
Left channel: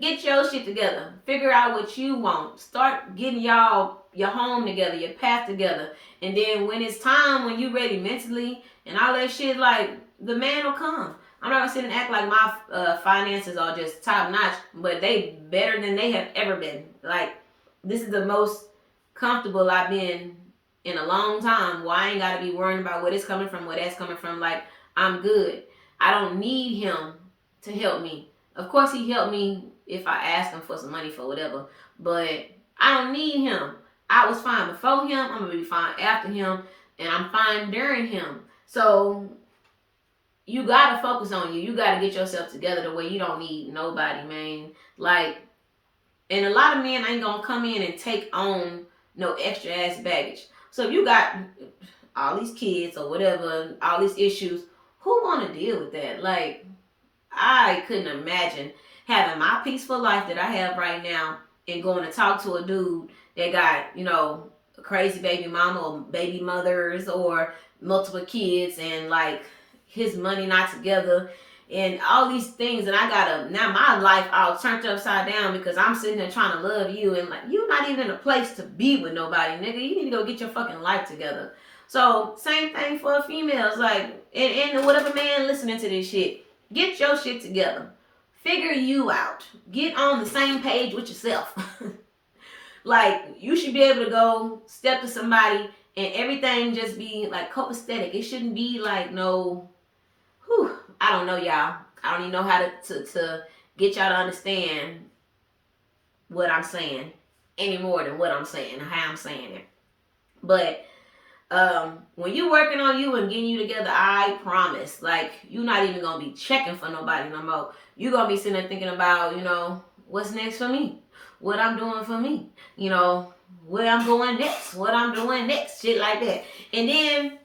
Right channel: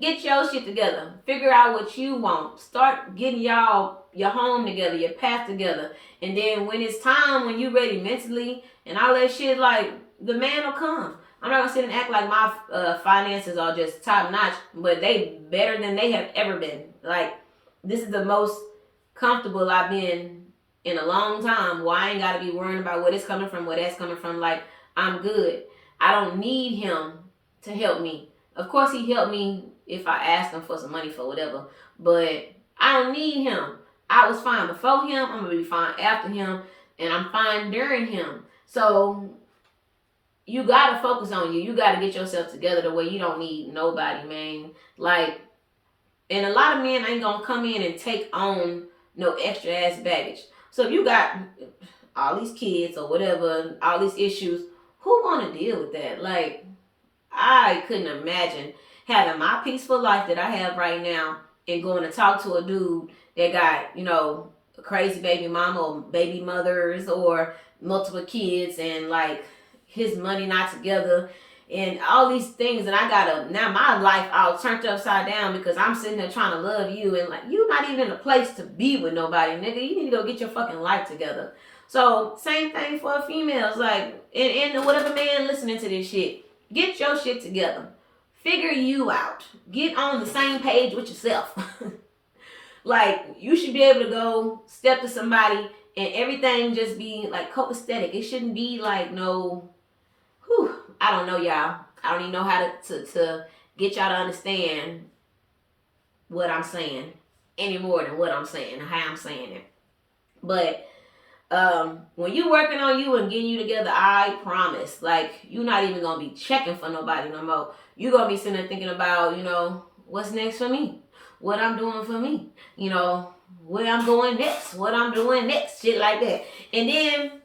Get your shit together. Figure out what you want. Start getting your home together, your path together. And then when it's time, when you ready mentally and all that shit, like the man will come. I'm not gonna sit and act like my finances are just top notch, but they better than they have ever been. Like, this is the most comfortable I've been in a long time. Well, I ain't gotta be worrying about where it's coming from, where that's coming from. Like, I'm good. I don't need him to help me. Of course, he helped me if I asked him for some money for whatever, but I don't need him. I was fine before him. I'm gonna be fine after him, and I'm fine during him. So you gotta focus on you. You gotta get yourself together the way you don't need nobody, man. Like, and a lot of men ain't gonna come in and take on no extra ass baggage. So if you got all these kids or whatever, all these issues, who wanna deal with that? Like, I couldn't imagine having my peaceful life that I have right now and going to talk to a dude that got, a crazy baby mama or baby mothers or multiple kids, and like his money not together and all these things, and I gotta, now my life all turned upside down because I'm sitting there trying to love you, and like, you not even in a place to be with nobody, nigga. You need to go get your fucking life together. So same thing for females, like, and whatever man listening to this shit, get your shit together. Figure you out. Get on the same page with yourself. Like, you should be able to go step to somebody and everything just be like copacetic. It shouldn't be like no, I don't know, y'all. I don't even know how to get y'all to understand what I'm saying any more than what I'm saying and how I'm saying it. But when you working on you and getting you together, I promise, like, you're not even gonna be checking for nobody no more. You're gonna be sitting there thinking about, what's next for me, what I'm doing for me, where I'm going next, what I'm doing next, shit like that. And then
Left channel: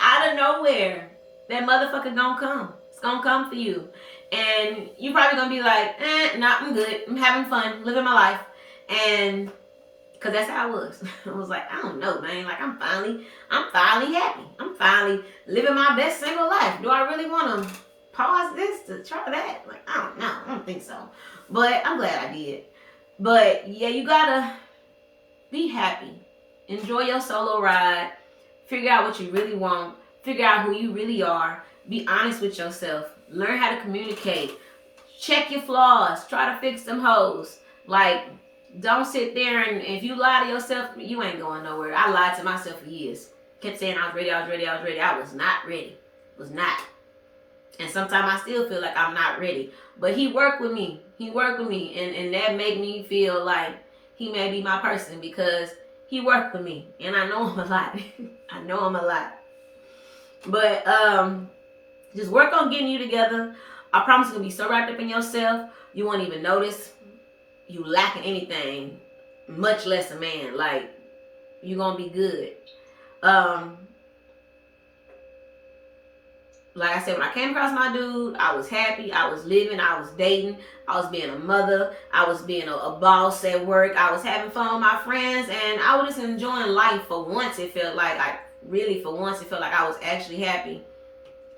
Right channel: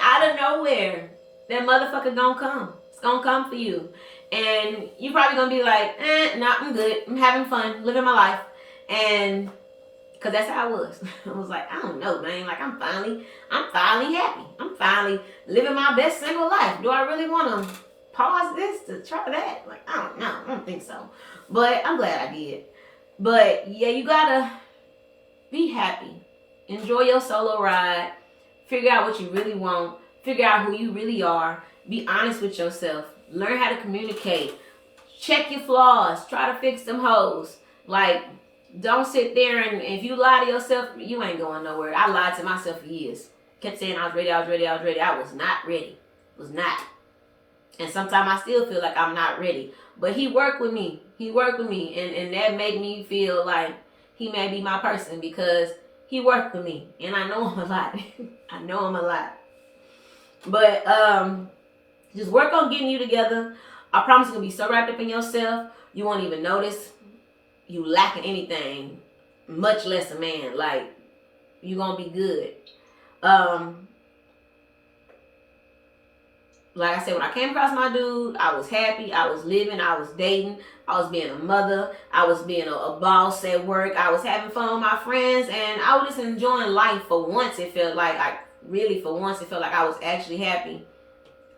out of nowhere, that motherfucker gonna come. It's gonna come for you. And you probably gonna be like, nah, I'm good. I'm having fun, living my life. And because that's how I was. I was like, I don't know, man. Like, I'm finally happy. I'm finally living my best single life. Do I really want to pause this to try that? Like, I don't know. I don't think so. But I'm glad I did. But yeah, you gotta be happy. Enjoy your solo ride. Figure out what you really want. Figure out who you really are. Be honest with yourself. Learn how to communicate. Check your flaws. Try to fix them hoes. Like, Don't sit there and if you lie to yourself, you ain't going nowhere. I lied to myself for years. Kept saying I was ready, I was ready, I was ready. I was not ready. Was not. And sometimes I still feel like I'm not ready. But he worked with me. He worked with me. And that made me feel like he may be my person because he worked with me. And I know I'm a lot. I know I'm a lot. But just work on getting you together. I promise you'll be so wrapped up in yourself, you won't even notice you lacking anything, much less a man. Like, you're going to be good. Like I said, when I came across my dude, I was happy. I was living. I was dating. I was being a mother. I was being a boss at work. I was having fun with my friends. And I was just enjoying life for once. It felt like, for once, it felt like I was actually happy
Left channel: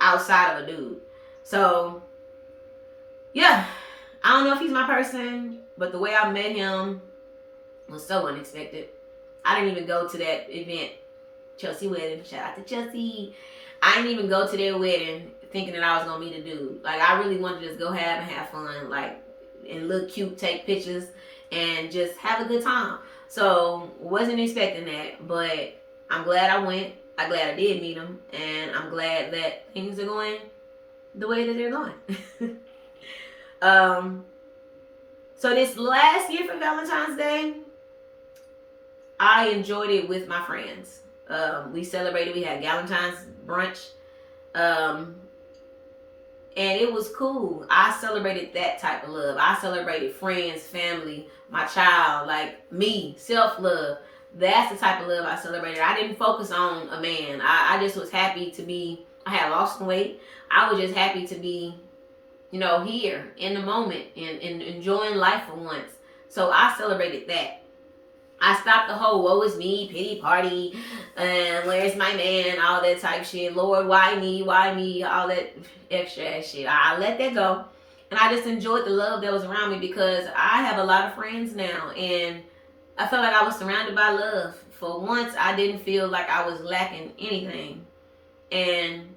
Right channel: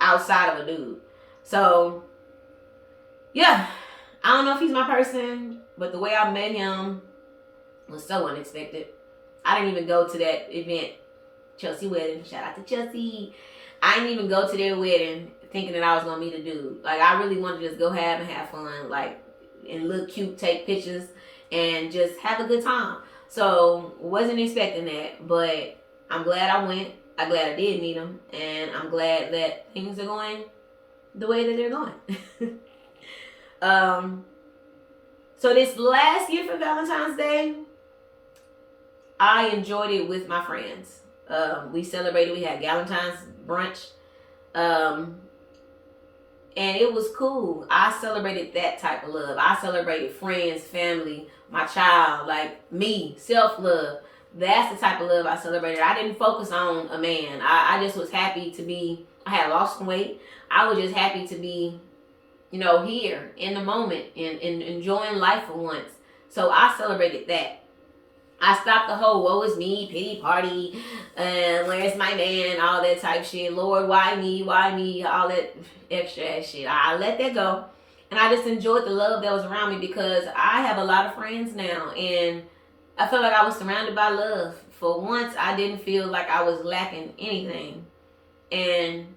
outside of a dude. So, yeah. I don't know if he's my person, but the way I met him was so unexpected. I didn't even go to that event, Chelsea wedding. Shout out to Chelsea. I didn't even go to their wedding thinking that I was gonna meet a dude. Like, I really wanted to just go have fun, like, and look cute, take pictures, and just have a good time. So, wasn't expecting that, but I'm glad I went. I'm glad I did meet him, and I'm glad that things are going the way that they're going. So this last year for Valentine's Day, I enjoyed it with my friends. We celebrated. We had Valentine's brunch, and it was cool. I celebrated that type of love. I celebrated friends, family, my child, like me, self-love. That's the type of love I celebrated. I didn't focus on a man. I just was happy to be. I had lost some weight. I was just happy to be, here in the moment and enjoying life for once. So I celebrated that. I stopped the whole woe is me, pity party, and where's my man, all that type shit. Lord, why me, all that extra ass shit. I let that go. And I just enjoyed the love that was around me because I have a lot of friends now. And I felt like I was surrounded by love. For once, I didn't feel like I was lacking anything. And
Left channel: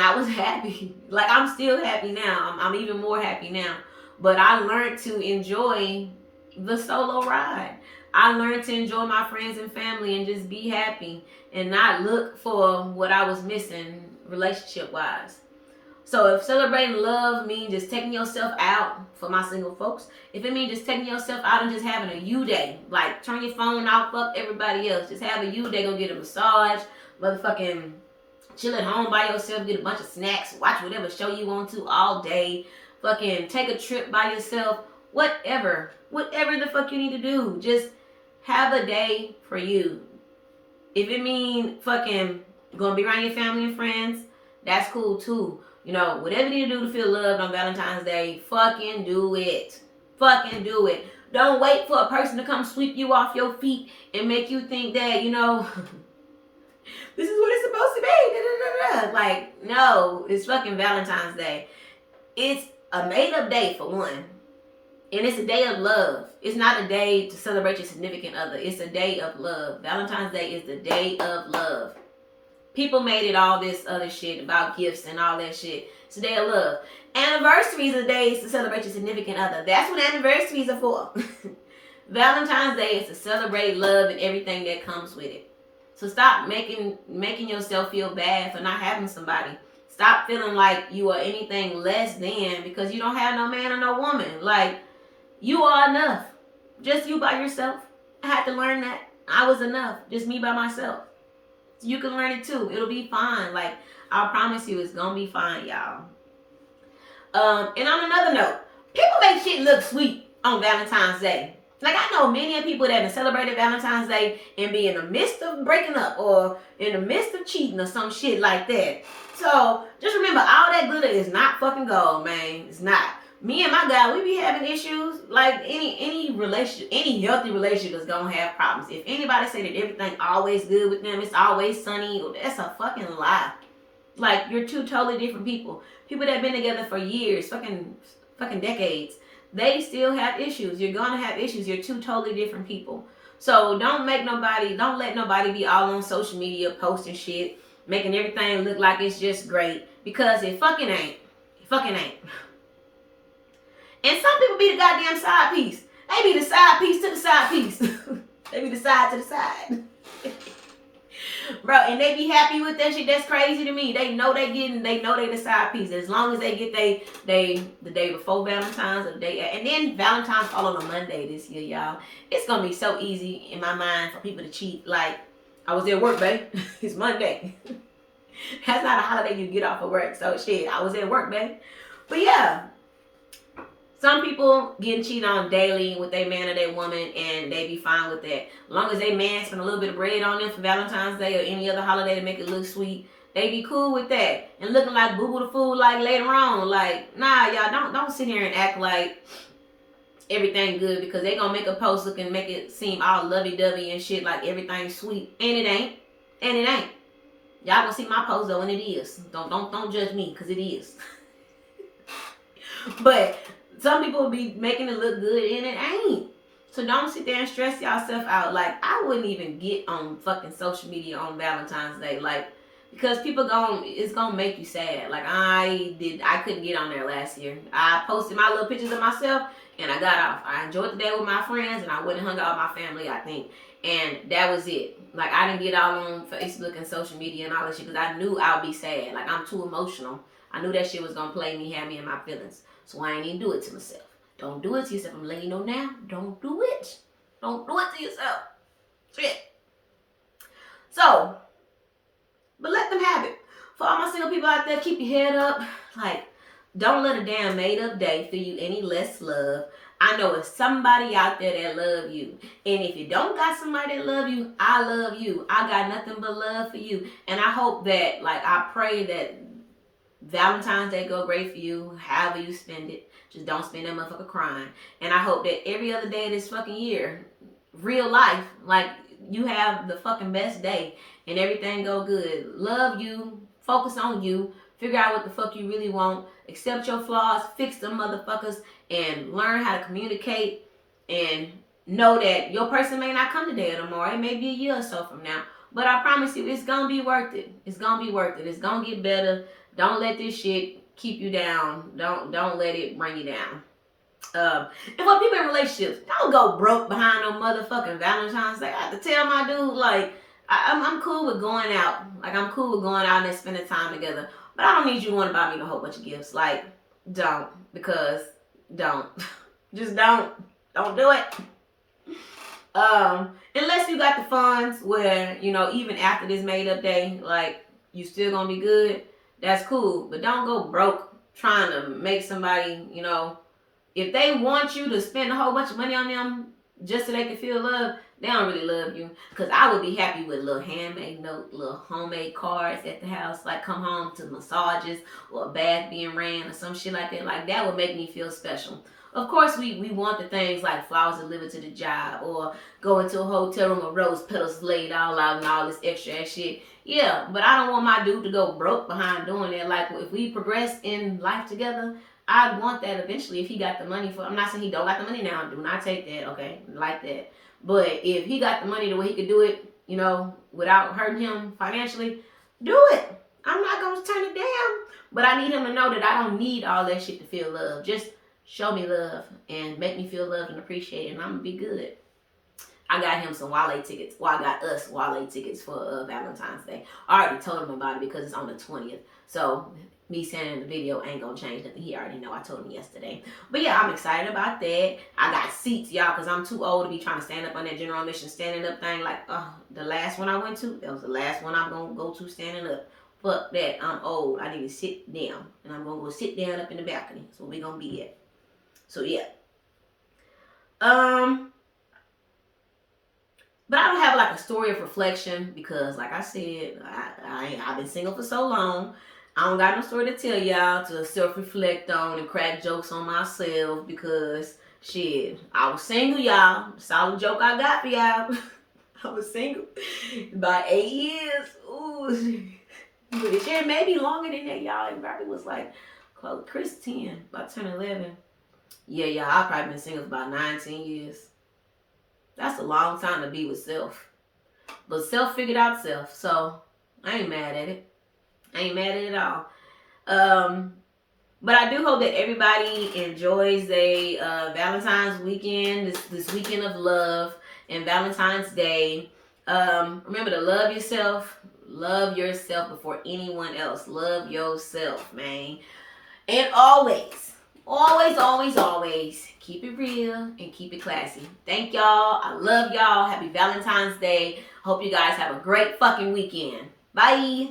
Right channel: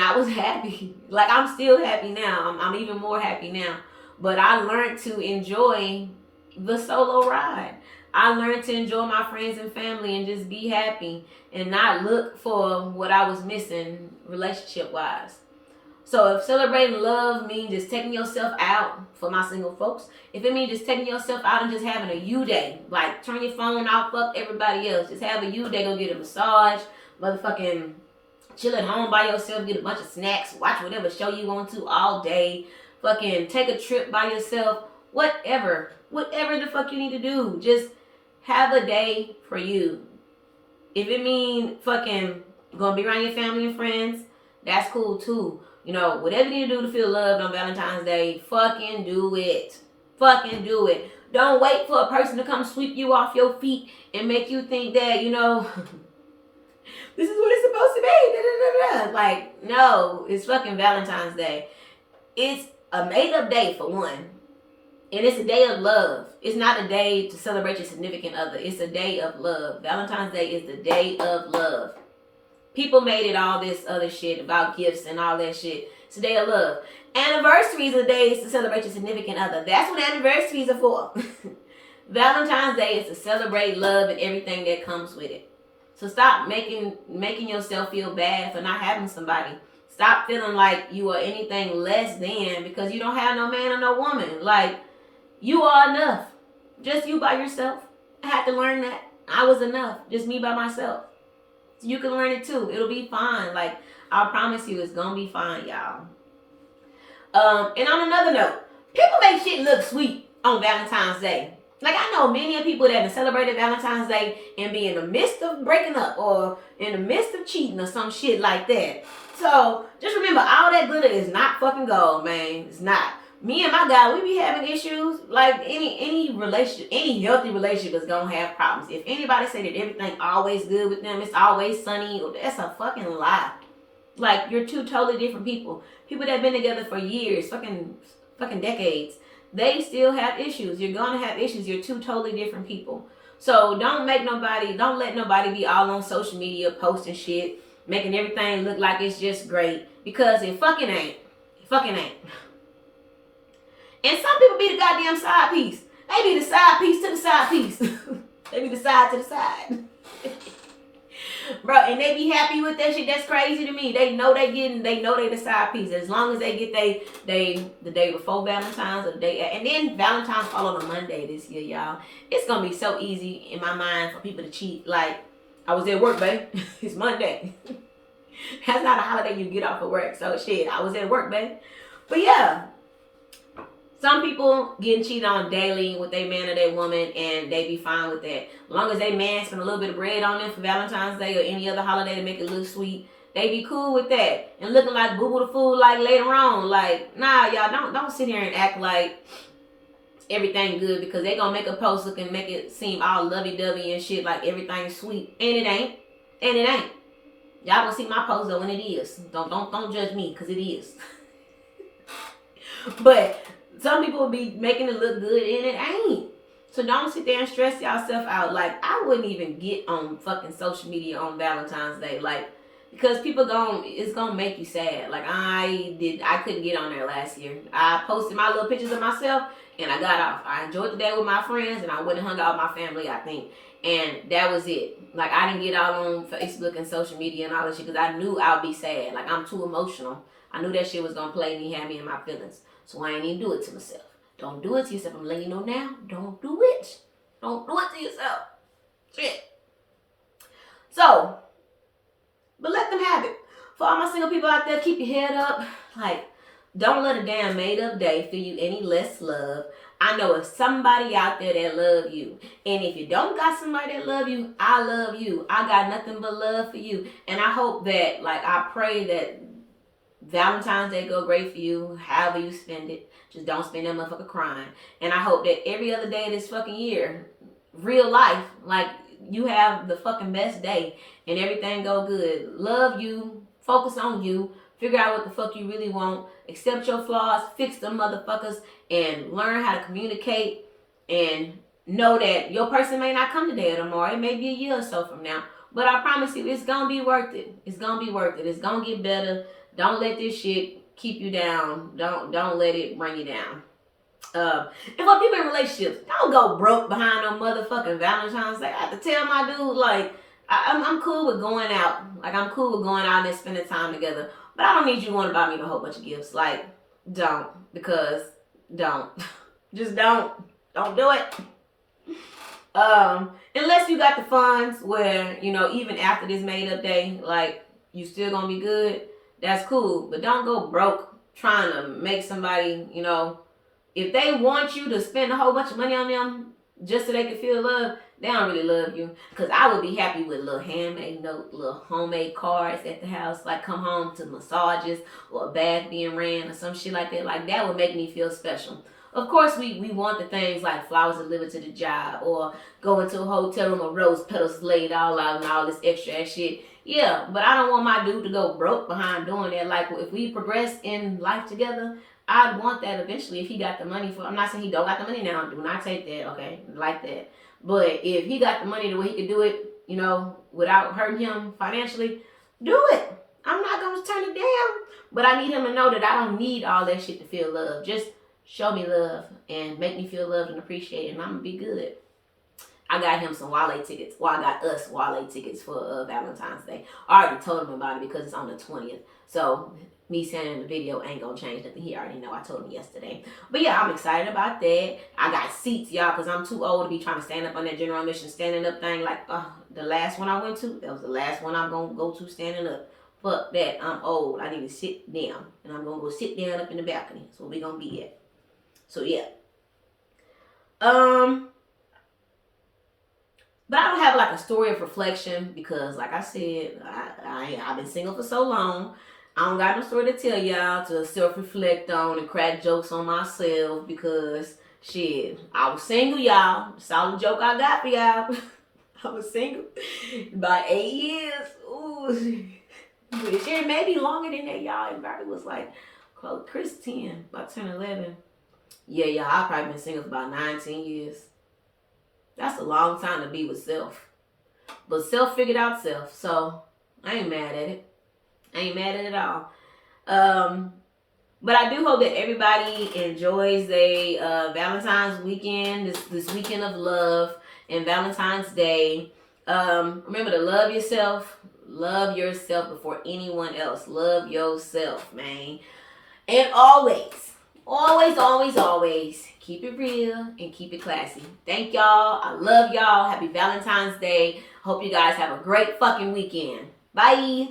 I was happy. Like, I'm still happy now. I'm even more happy now. But I learned to enjoy the solo ride. I learned to enjoy my friends and family and just be happy and not look for what I was missing relationship-wise. So if celebrating love means just taking yourself out, for my single folks, if it means just taking yourself out and just having a you day, like turn your phone off, fuck everybody else, just have a you day, go get a massage, motherfucking chill at home by yourself, get a bunch of snacks, watch whatever show you want to all day, fucking take a trip by yourself, whatever the fuck you need to do, just have a day for you. If it mean fucking gonna be around your family and friends, that's cool too. Whatever you need to do to feel loved on Valentine's Day, fucking do it. Fucking do it. Don't wait for a person to come sweep you off your feet and make you think that, this is what it's supposed to be. Like, no, it's fucking Valentine's Day. It's a made-up day for one. And it's a day of love. It's not a day to celebrate your significant other. It's a day of love. Valentine's Day is the day of love. People made it all this other shit about gifts and all that shit. It's a day of love. Anniversaries are days to celebrate your significant other. That's what anniversaries are for. Valentine's Day is to celebrate love and everything that comes with it. So stop making yourself feel bad for not having somebody. Stop feeling like you are anything less than because you don't have no man or no woman. Like, you are enough. Just you by yourself. I had to learn that. I was enough. Just me by myself. So you can learn it too. It'll be fine. Like, I promise you, it's gonna be fine, y'all. And on another note, people make shit look sweet on Valentine's Day. Like, I know many people that have celebrated Valentine's Day and be in the midst of breaking up or in the midst of cheating or some shit like that. So, just remember, all that glitter is not fucking gold, man. It's not. Me and my guy, we be having issues. Like, any relationship, any healthy relationship is gonna have problems. If anybody say that everything always good with them, it's always sunny, that's a fucking lie. Like, you're two totally different people. People that have been together for years, fucking decades, they still have issues. You're gonna have issues. You're two totally different people. So don't let nobody be all on social media posting shit, making everything look like it's just great, because it fucking ain't. It fucking ain't. And some people be the goddamn side piece. They be the side piece to the side piece. They be the side to the side. Bro, and they be happy with that shit. That's crazy to me. They know they the side piece. As long as they get they the day before Valentine's or the day, and then Valentine's fall on a Monday this year, y'all. It's gonna be so easy in my mind for people to cheat. Like, I was at work, babe. It's Monday. That's not a holiday you get off of work. So shit, I was at work, babe. But yeah, some people getting cheated on daily with their man or their woman, and they be fine with that. As long as they man spend a little bit of bread on them for Valentine's Day or any other holiday to make it look sweet, they be cool with that. And looking like boo boo the fool like later on. Like, nah, y'all, don't sit here and act like everything good, because they gonna make a post looking, make it seem all lovey-dovey and shit, like everything's sweet. And it ain't. And it ain't. Y'all gonna see my post though, and it is. Don't judge me, because it is. But some people will be making it look good, and it ain't. So don't sit there and stress yourself out. Like, I wouldn't even get on fucking social media on Valentine's Day. Like, because people it's gonna make you sad. Like, I couldn't get on there last year. I posted my little pictures of myself, and I got off. I enjoyed the day with my friends, and I went and hung out with my family, I think. And that was it. Like, I didn't get all on Facebook and social media and all that shit, because I knew I would be sad. Like, I'm too emotional. I knew that shit was gonna play me, have me in my feelings. So I ain't even do it to myself. Don't do it to yourself. I'm letting you know now. Don't do it. Don't do it to yourself. Shit. So, but let them have it. For all my single people out there, keep your head up. Like, don't let a damn made up day feel you any less love. I know it's somebody out there that love you. And if you don't got somebody that love you, I love you. I got nothing but love for you. And I hope that, like, I pray that Valentine's Day go great for you, however you spend it. Just don't spend that motherfucker crying. And I hope that every other day of this fucking year, real life, like, you have the fucking best day and everything go good. Love you, focus on you, figure out what the fuck you really want, accept your flaws, fix them motherfuckers, and learn how to communicate, and know that your person may not come today or tomorrow. It may be a year or so from now. But I promise you, it's gonna be worth it. It's gonna be worth it. It's gonna get better. Don't let this shit keep you down. Don't let it bring you down. And for people in relationships, don't go broke behind no motherfucking Valentine's Day. I have to tell my dude, like, I'm cool with going out. Like, I'm cool with going out and spending time together. But I don't need you to want to buy me a whole bunch of gifts. Like, don't. Because, don't. Just don't. Don't do it. Unless you got the funds where, you know, even after this made up day, like, you still gonna be good. That's cool. But don't go broke trying to make somebody, you know, if they want you to spend a whole bunch of money on them just so they can feel love, they don't really love you. Because I would be happy with a little handmade note, little homemade cards at the house, like come home to massages or a bath being ran or some shit like that. Like, that would make me feel special. Of course, we want the things like flowers delivered to the job, or go into a hotel room with rose petals laid all out and all this extra ass shit. Yeah, but I don't want my dude to go broke behind doing that. Like, if we progress in life together, I'd want that eventually if he got the money for. I'm not saying he don't got the money now. Do not take that, okay? Like that. But if he got the money the way he could do it, you know, without hurting him financially, do it. I'm not going to turn it down. But I need him to know that I don't need all that shit to feel love. Just show me love and make me feel loved and appreciated, and I'm going to be good. I got him some Wale tickets. Well, I got us Wale tickets for Valentine's Day. I already told him about it because it's on the 20th. So me saying in the video ain't gonna change nothing. He already know. I told him yesterday. But yeah, I'm excited about that. I got seats, y'all, because I'm too old to be trying to stand up on that general admission standing up thing. Like, the last one I went to, that was the last one I'm gonna go to standing up. Fuck that. I'm old. I need to sit down. And I'm gonna go sit down up in the balcony. That's where we gonna be at. So yeah. But I don't have like a story of reflection because, like I said, I've been single for so long. I don't got no story to tell y'all to self-reflect on and crack jokes on myself because, shit, I was single, y'all. Solid joke I got for y'all. I was single about 8 years. Ooh. But shit, maybe longer than that, y'all. It probably was like close, Chris 10, about 10, 11. Yeah, y'all, I've probably been single for about 19 years. That's a long time to be with self. But self figured out self. So I ain't mad at it. I ain't mad at it at all. But I do hope that everybody enjoys a Valentine's weekend, this weekend of love and Valentine's Day. Remember to love yourself. Love yourself before anyone else. Love yourself, man. And always, keep it real and keep it classy. Thank y'all. I love y'all. Happy Valentine's Day. Hope you guys have a great fucking weekend. Bye.